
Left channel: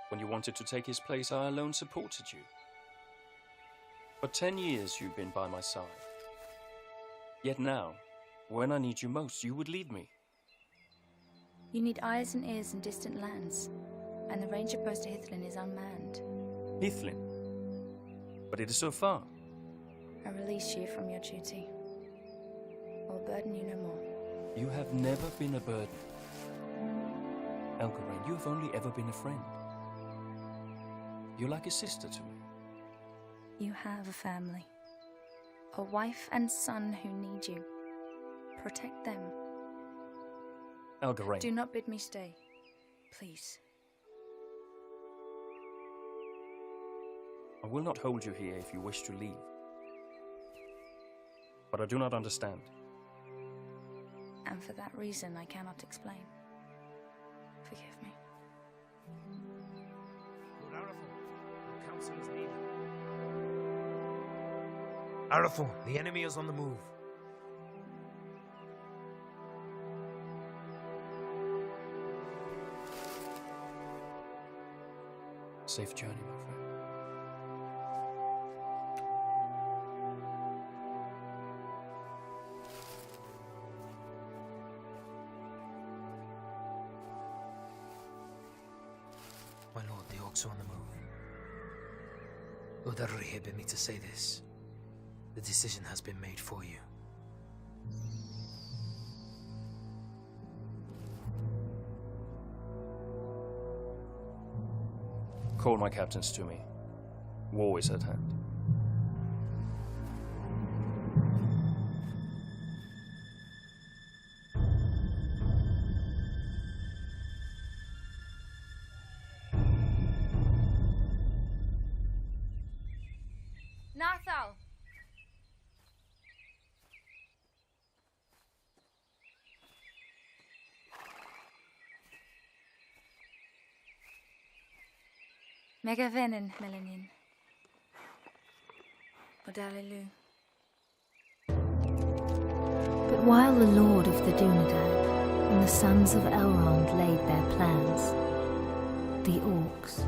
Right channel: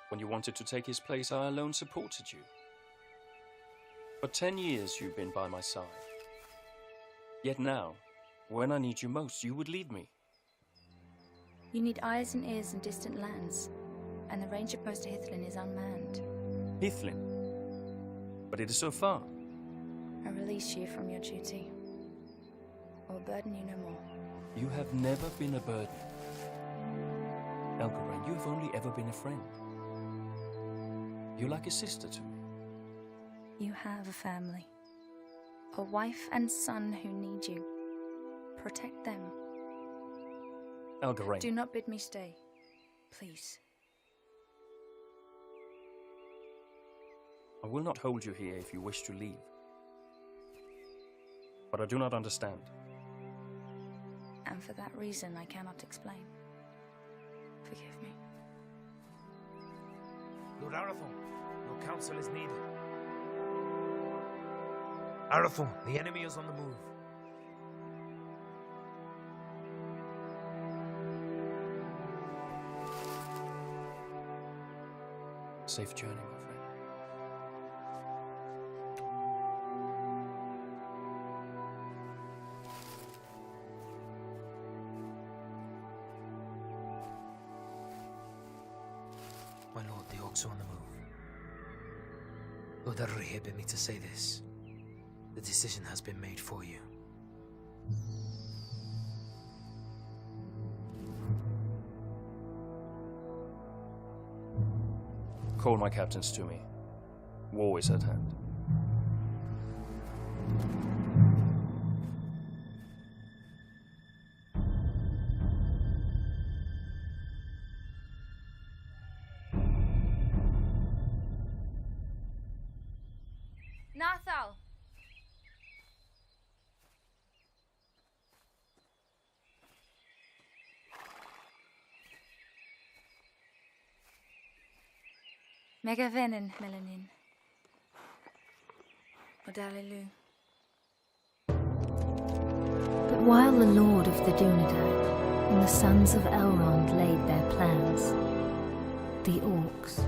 When you wanted to take his place, I alone supported you. For 10 years you've been by my side. Yet now, when I need you most, you would leave me. You need eyes and ears in distant lands, and the ranger post to Hithlin is unmanned. Hithlin? But it is so far. I release you from your duty. I will burden you no more. You have never been a burden. Elgarain, you have only ever been a friend. You're like a sister to me. You have a family. A wife and son who need you. Protect them. Elgarain. Do not bid me stay. Please. I will not hold you here if you wish to leave. But I do not understand. And for that reason, I cannot explain. Forgive me. Lord Arathorn, your counsel is needed. Arathorn, the enemy is on the move. Safe journey, my friend. My lord, the orcs are on the move. Lord Aruri bid me to say this. The decision has been made for you. Call my captains to me. War is at hand. Nathal! Megavenin, Melanin. Odalilu. But while the Lord of the Dunedain and the sons of Elrond laid their plans, the orcs,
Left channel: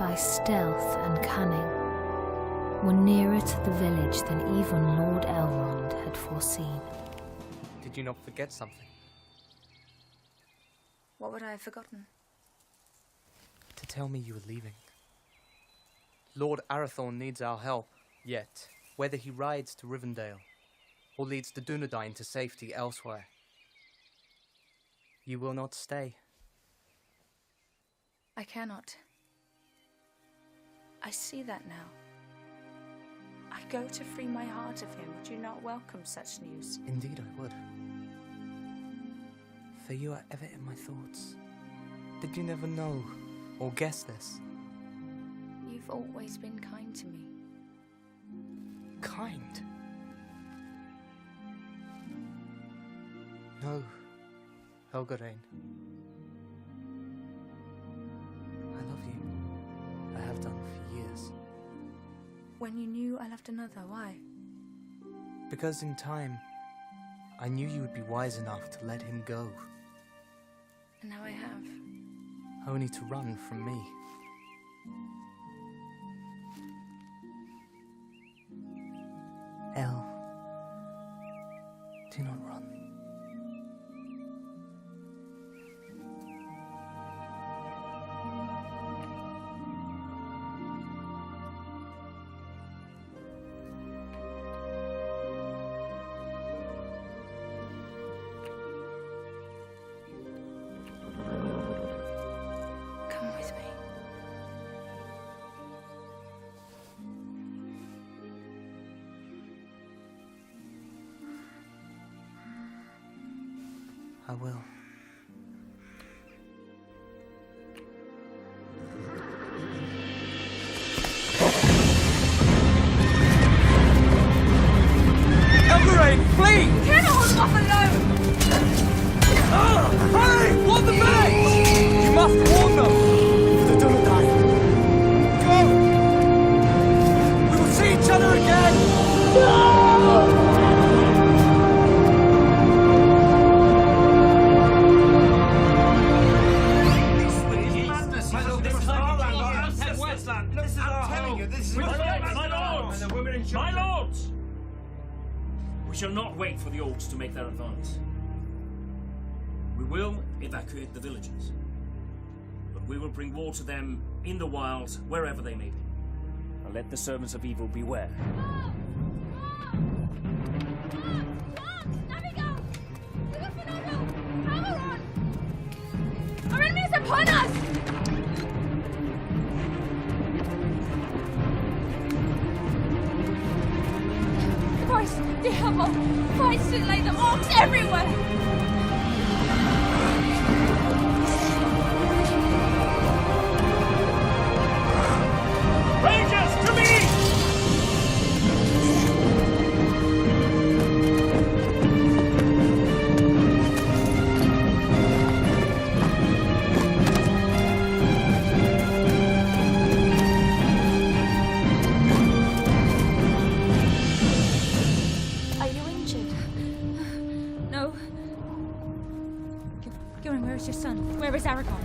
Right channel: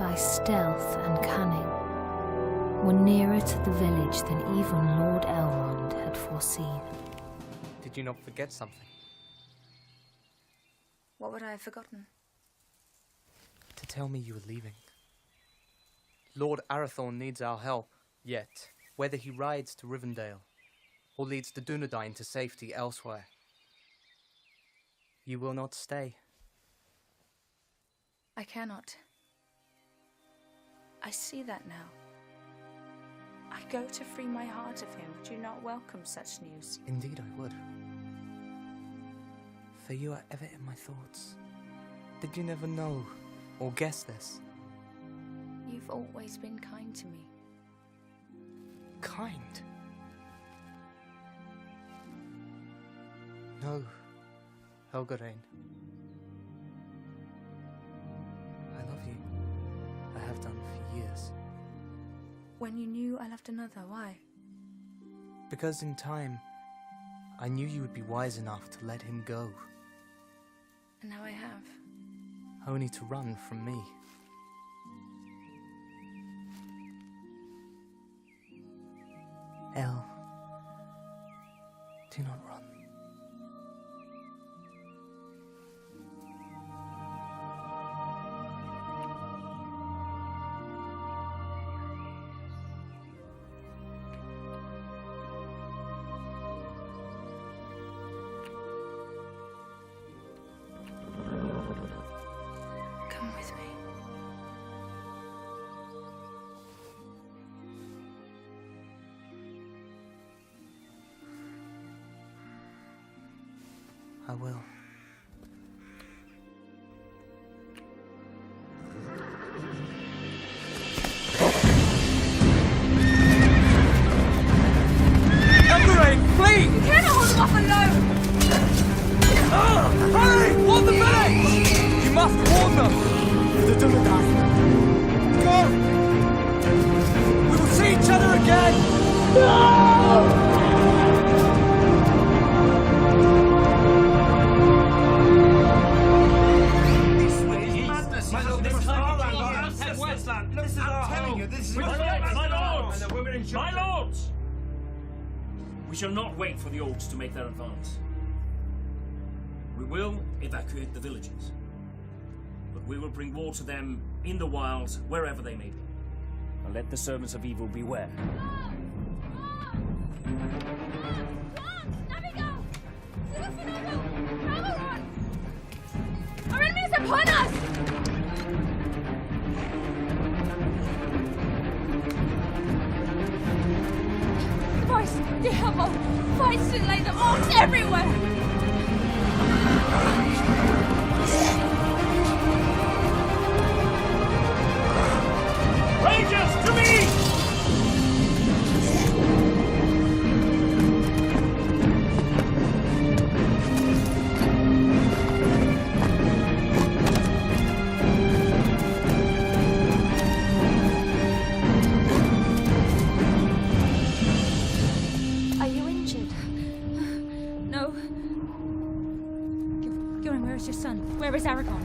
by stealth and cunning, were nearer to the village than even Lord Elrond had foreseen. Did you not forget something? What would I have forgotten? To tell me you were leaving. Lord Arathorn needs our help, yet whether he rides to Rivendell or leads the Dunedain to safety elsewhere, you will not stay. I cannot. I see that now. I go to free my heart of him. Would you not welcome such news? Indeed I would. For you are ever in my thoughts. Did you never know or guess this? You've always been kind to me. Kind? No, Helgarain. I love you. I have done for years. When you knew I loved another, why? Because in time, I knew you would be wise enough to let him go. And now I have. Only to run from me. El, do not run. Come with me. I will. Elgarain, flee! You cannot hold them off alone! Hurry! Warn the village! You must warn them! For the Dunedain. Go! We will see each other again! No! My lords! We shall not wait for the orcs to make their advance. We will evacuate the villages, but we will bring war to them in the wilds, wherever they may be. And let the servants of evil beware. Our enemy is upon us! Voice, the Hemel, fights to lay them orcs everywhere! Rangers, to me! Dunedain, where is your son? Where is Aragorn?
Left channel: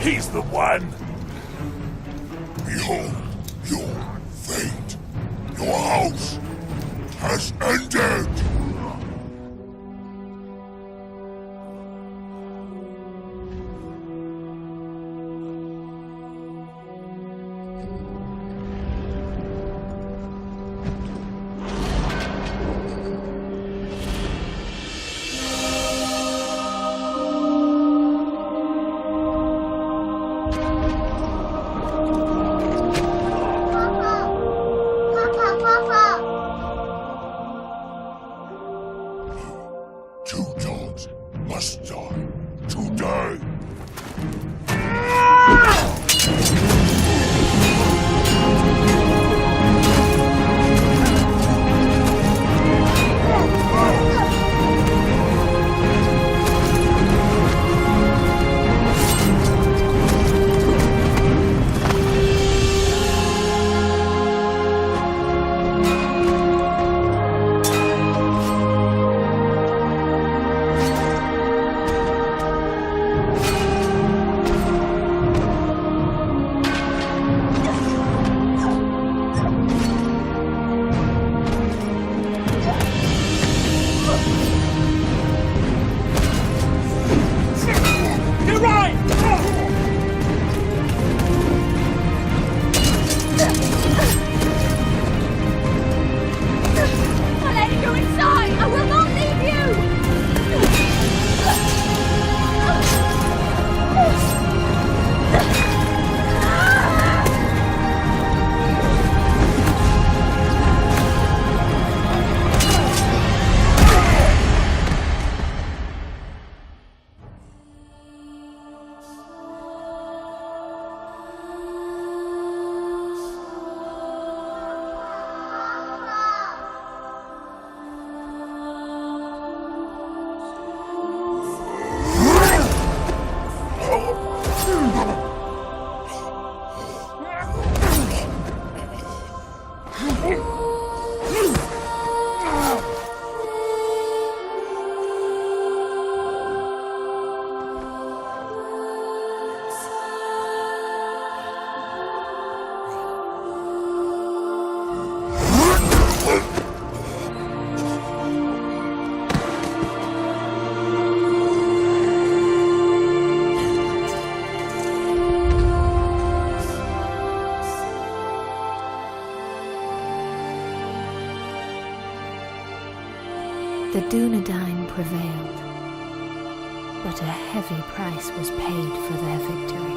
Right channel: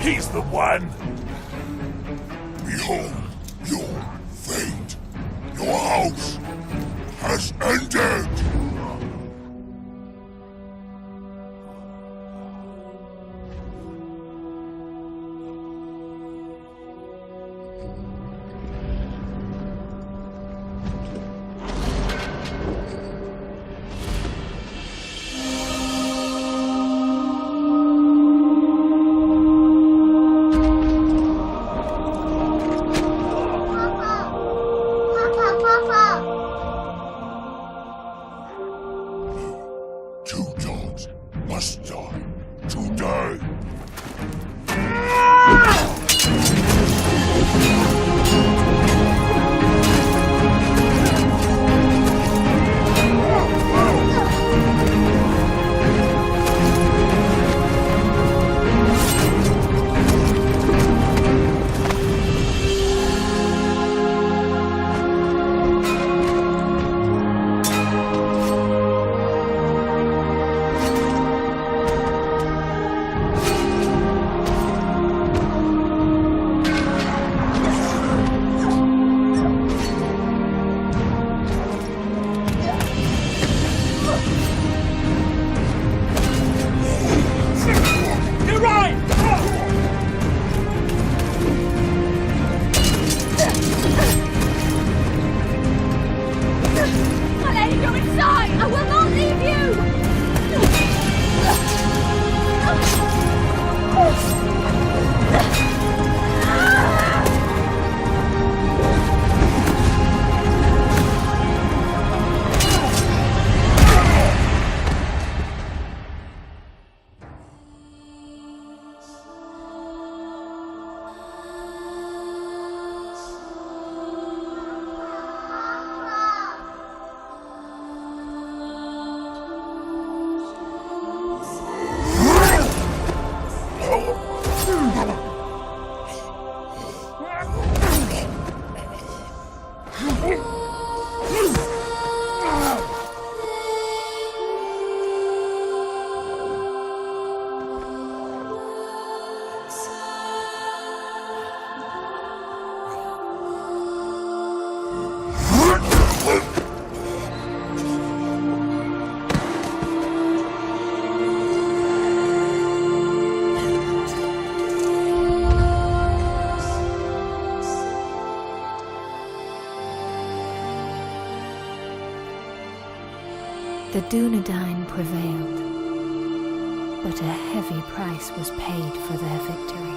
He's the one! Behold your fate! Your house has ended! Two dogs must die today! My lady, go inside! I will not leave you! The Dunedain prevailed, but a heavy price was paid for their victory.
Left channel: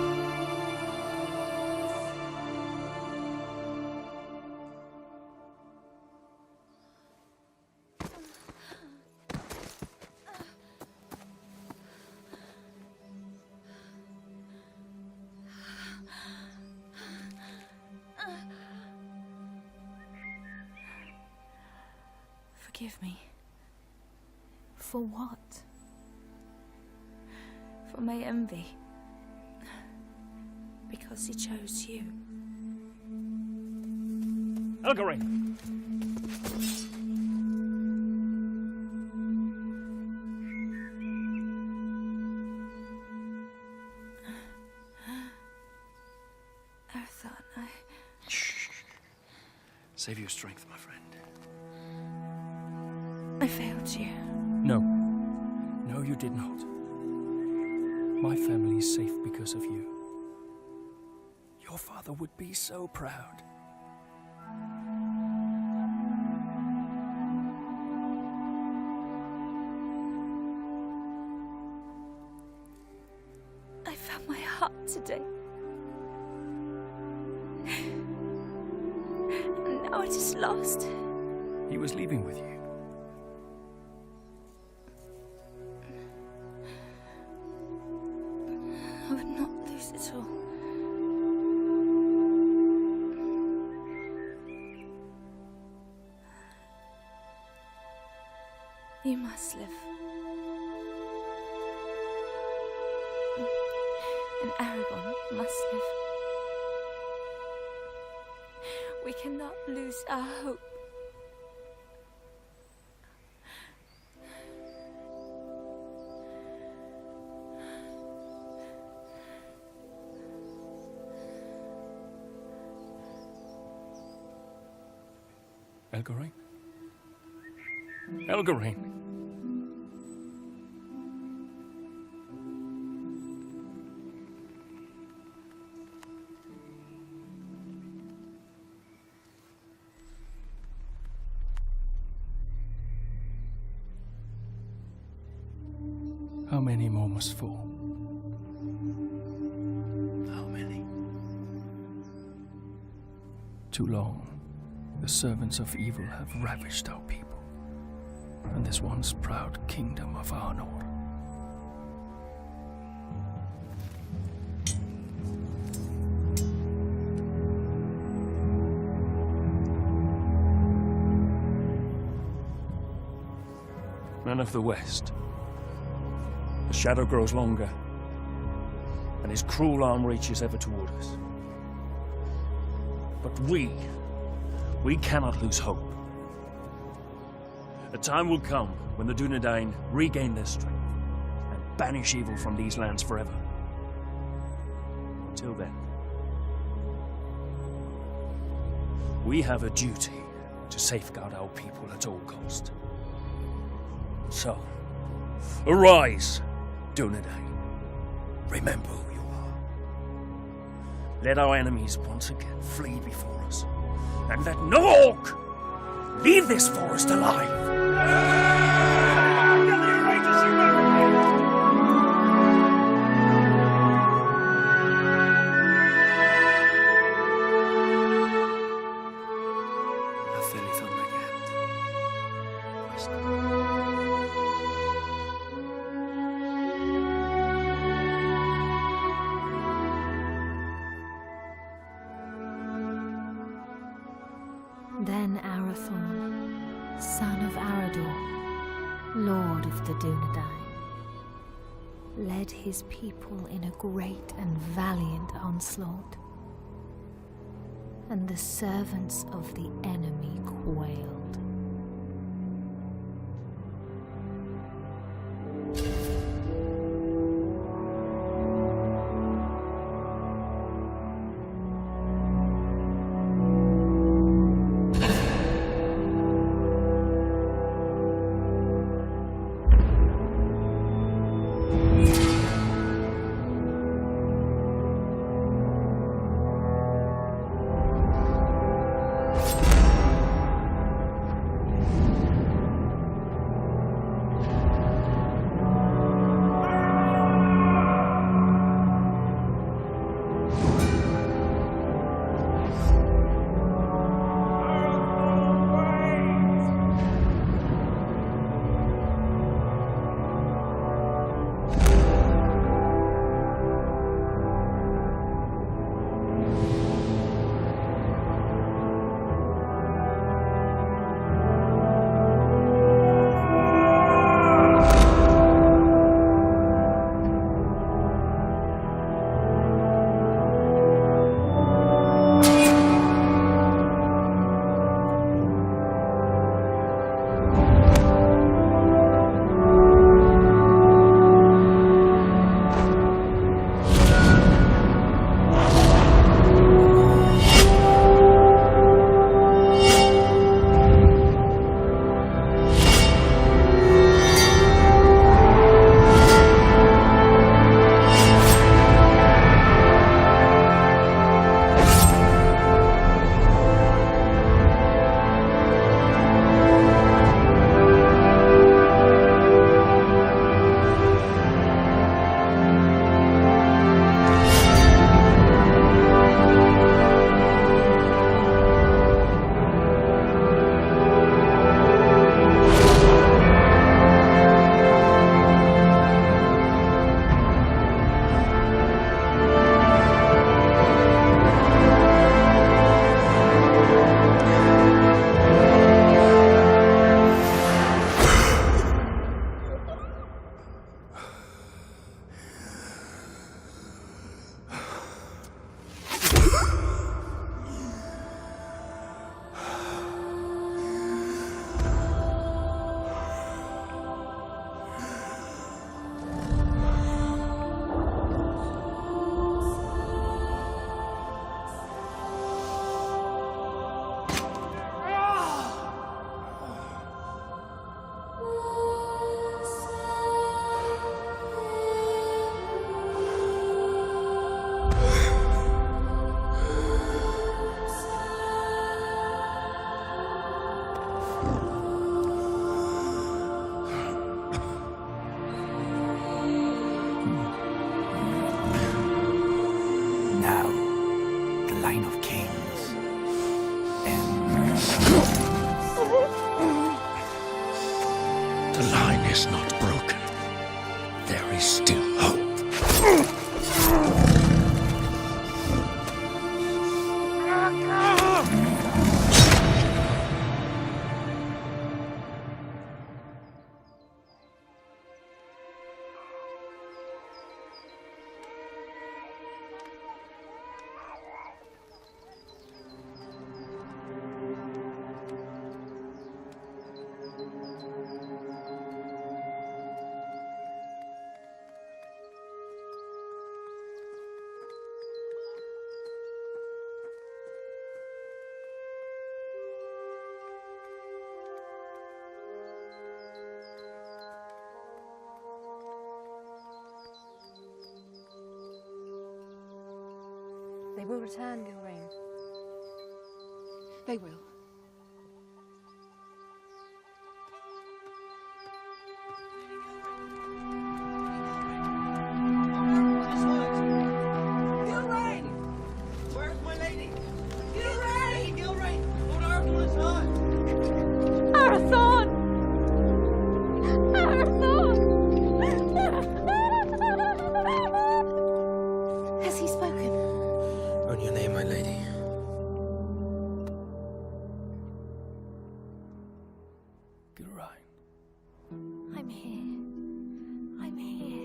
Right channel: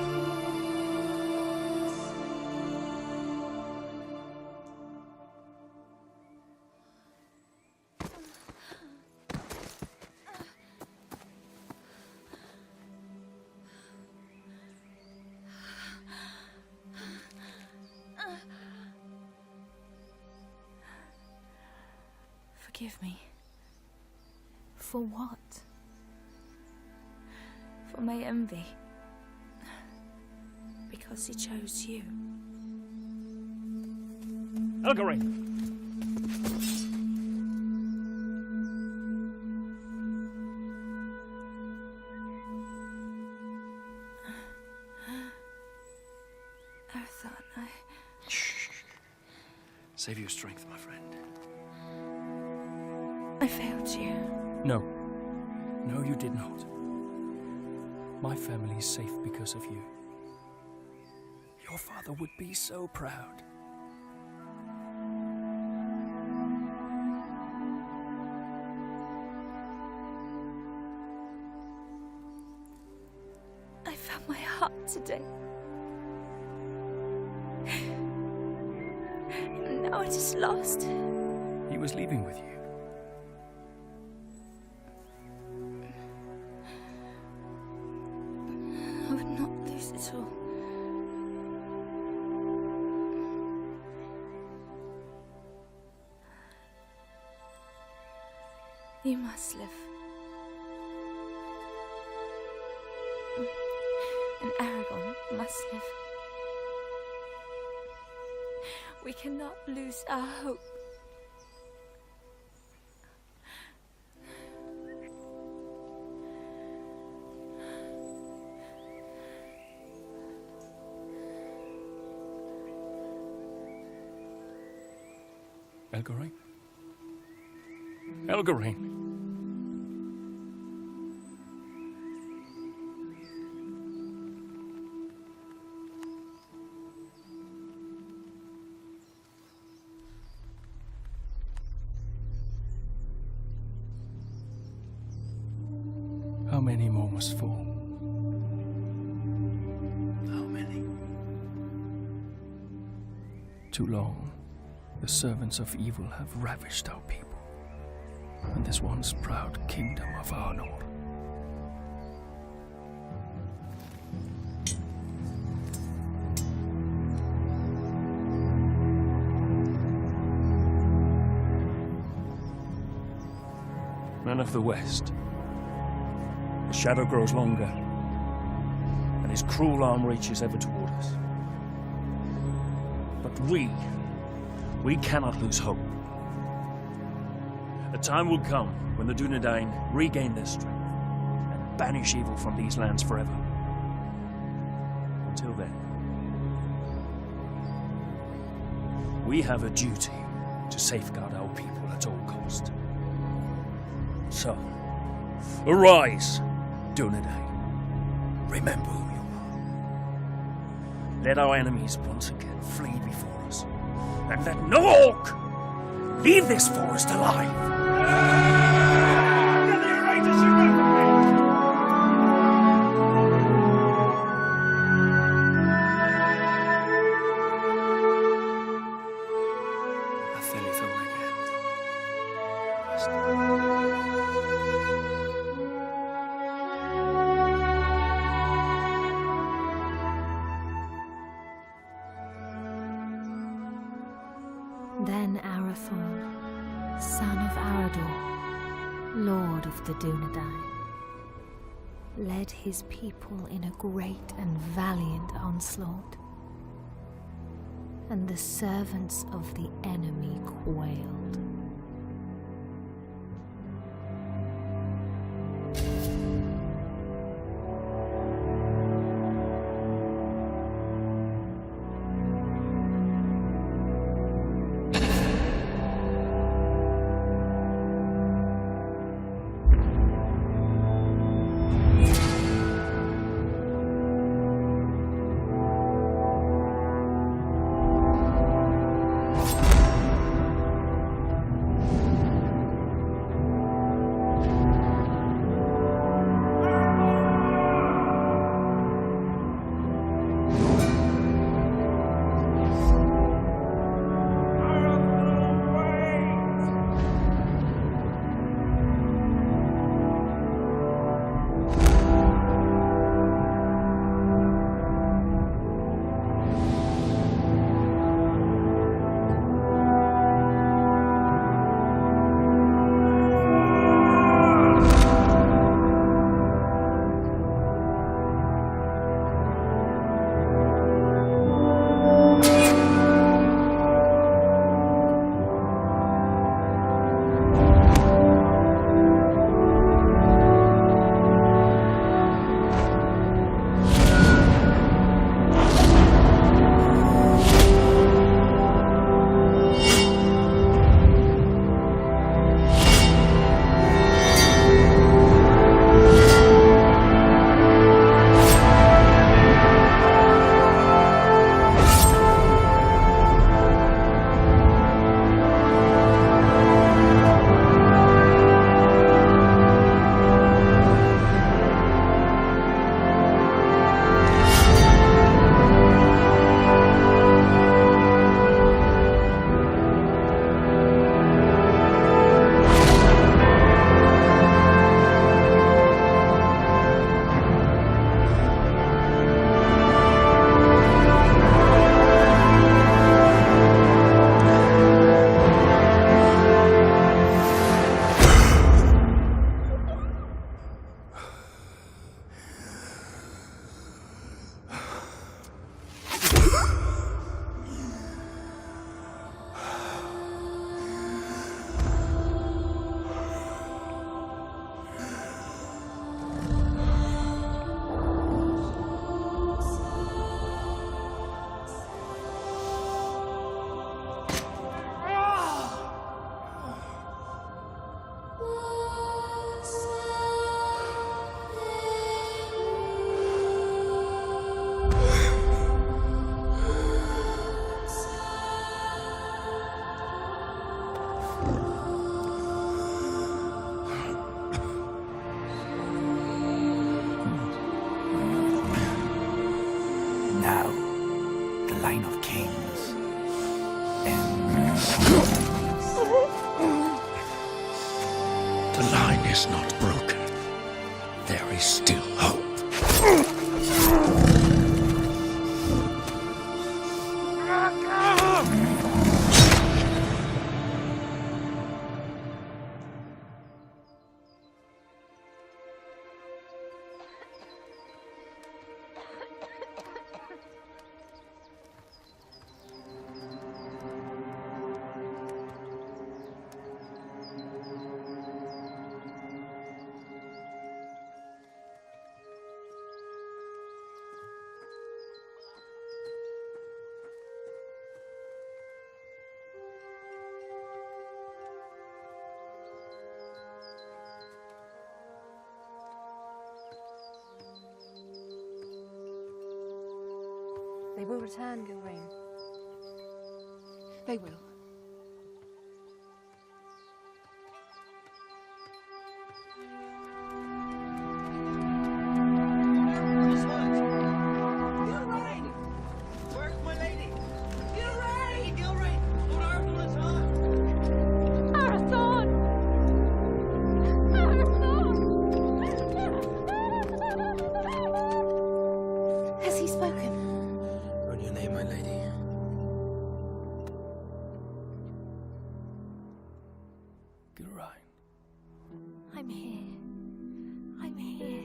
Forgive me For what? for my envy. Because he chose you. Elgarin! Arathorn, Save your strength, my friend. I failed you. No. No, you did not. My family is safe because of you. Your father would be so proud. I found my heart today. And now it is lost. He was leaving with you. I would not lose it all. You must live. And Aragon must live. We cannot lose our hope. Elgarin? Elgarin! How many more must fall? How many? Too long. The servants of evil have ravished our people, and this once proud kingdom of Arnor. Men of the West, the shadow grows longer, and his cruel arm reaches ever toward us. But we cannot lose hope. A time will come when the Dunedain regain their strength and banish evil from these lands forever. Until then, we have a duty to safeguard our people at all cost. So, arise, Dunedain. Remember who you are. Let our enemies once again flee before us. And let no orc leave this forest alive! Then Arathorn, son of Arador, lord of the Dunedain, led his people in a great and valiant onslaught, and the servants of the enemy quailed. Now, the line of kings ends. The line is not broken. There is still hope. They will return, Gilrain. They will. Gilrain! Where's my lady? Gilrain! Lady Gilrain! Lord Arathorn is hurt! Arathorn! Arathorn! Has he spoken? On your name, my lady. Gilrain. I'm here. I'm here.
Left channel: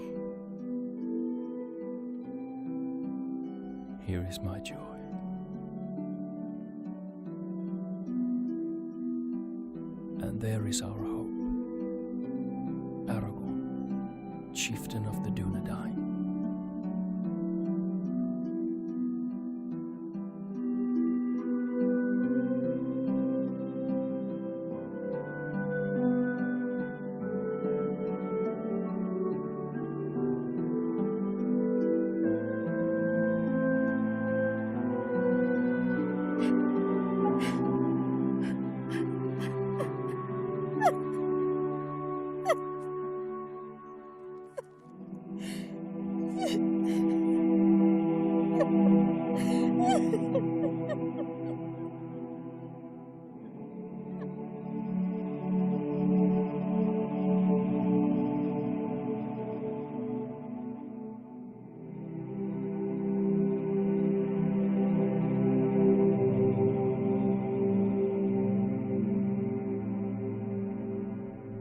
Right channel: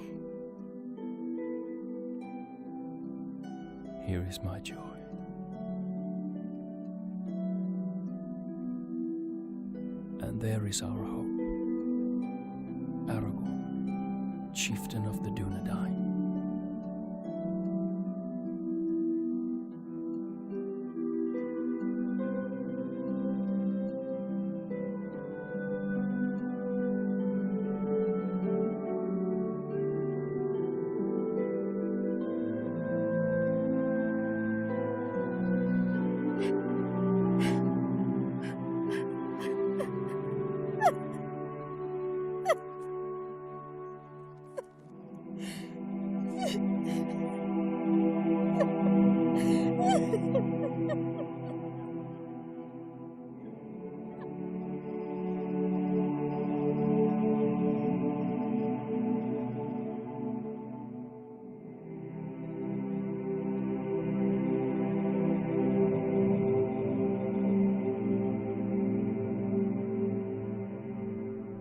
Here is my joy. And there is our hope. Aragorn, chieftain of the Dunedain.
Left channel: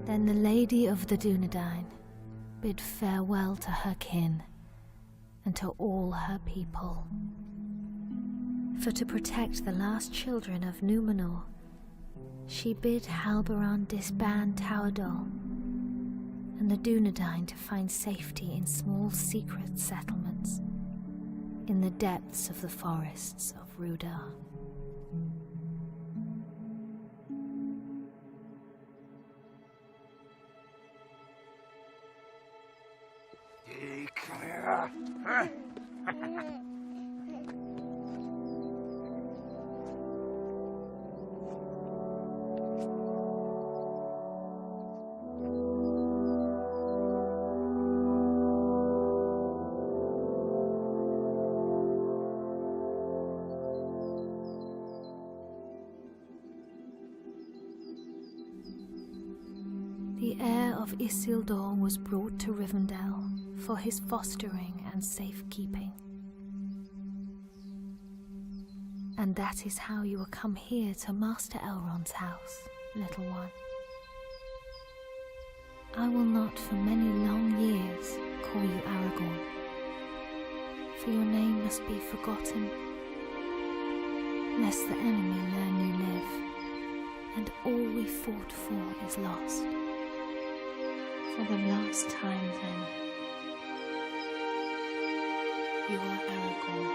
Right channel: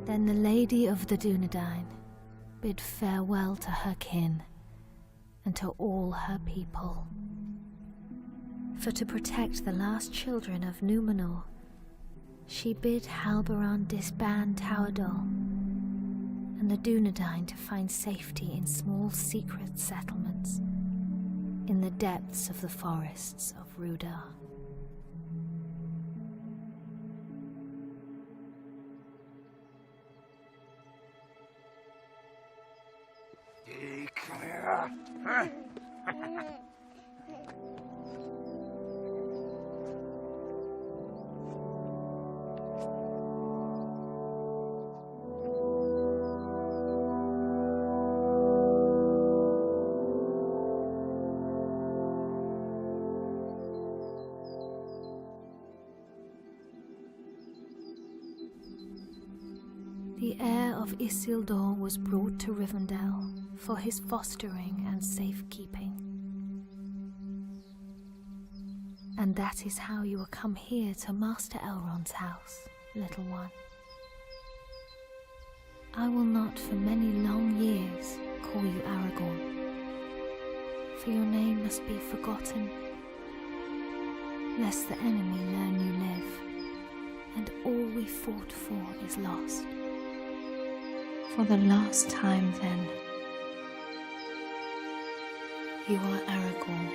Then the Lady of the Dunedain bid farewell to her kin and to all her people. For to protect the last children of Númenor, she bid Halbarand disband Tawdol and the Dunedain to find safety in small secret settlements in the depths of the forests of Rudar. The heir of Isildur was brought to Rivendell for his fostering and safekeeping. And that is how you will come here to Master Elrond's house, little one. I will not for many long years call you Aragorn, for your name must be forgotten, lest the enemy learn you live, and all we fought for is lost. For the last time then, you are Aragorn,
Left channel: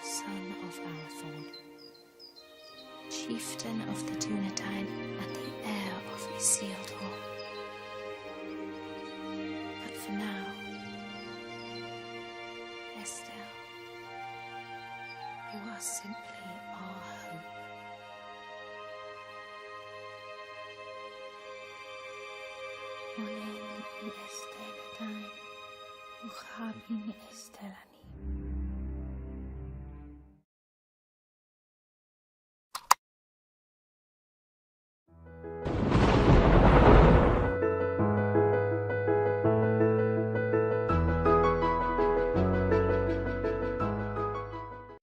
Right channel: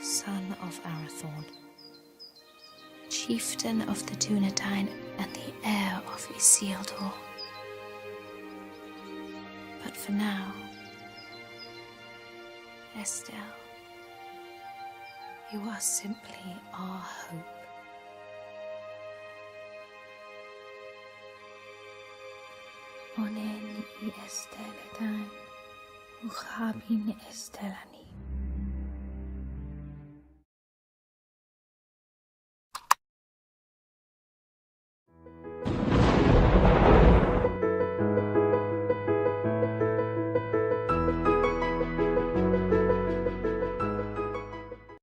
son of Arathorn, chieftain of the Dunedain and the heir of Isildur. But for now, Estelle, you are simply our hope. esteledain, uchabin estelani.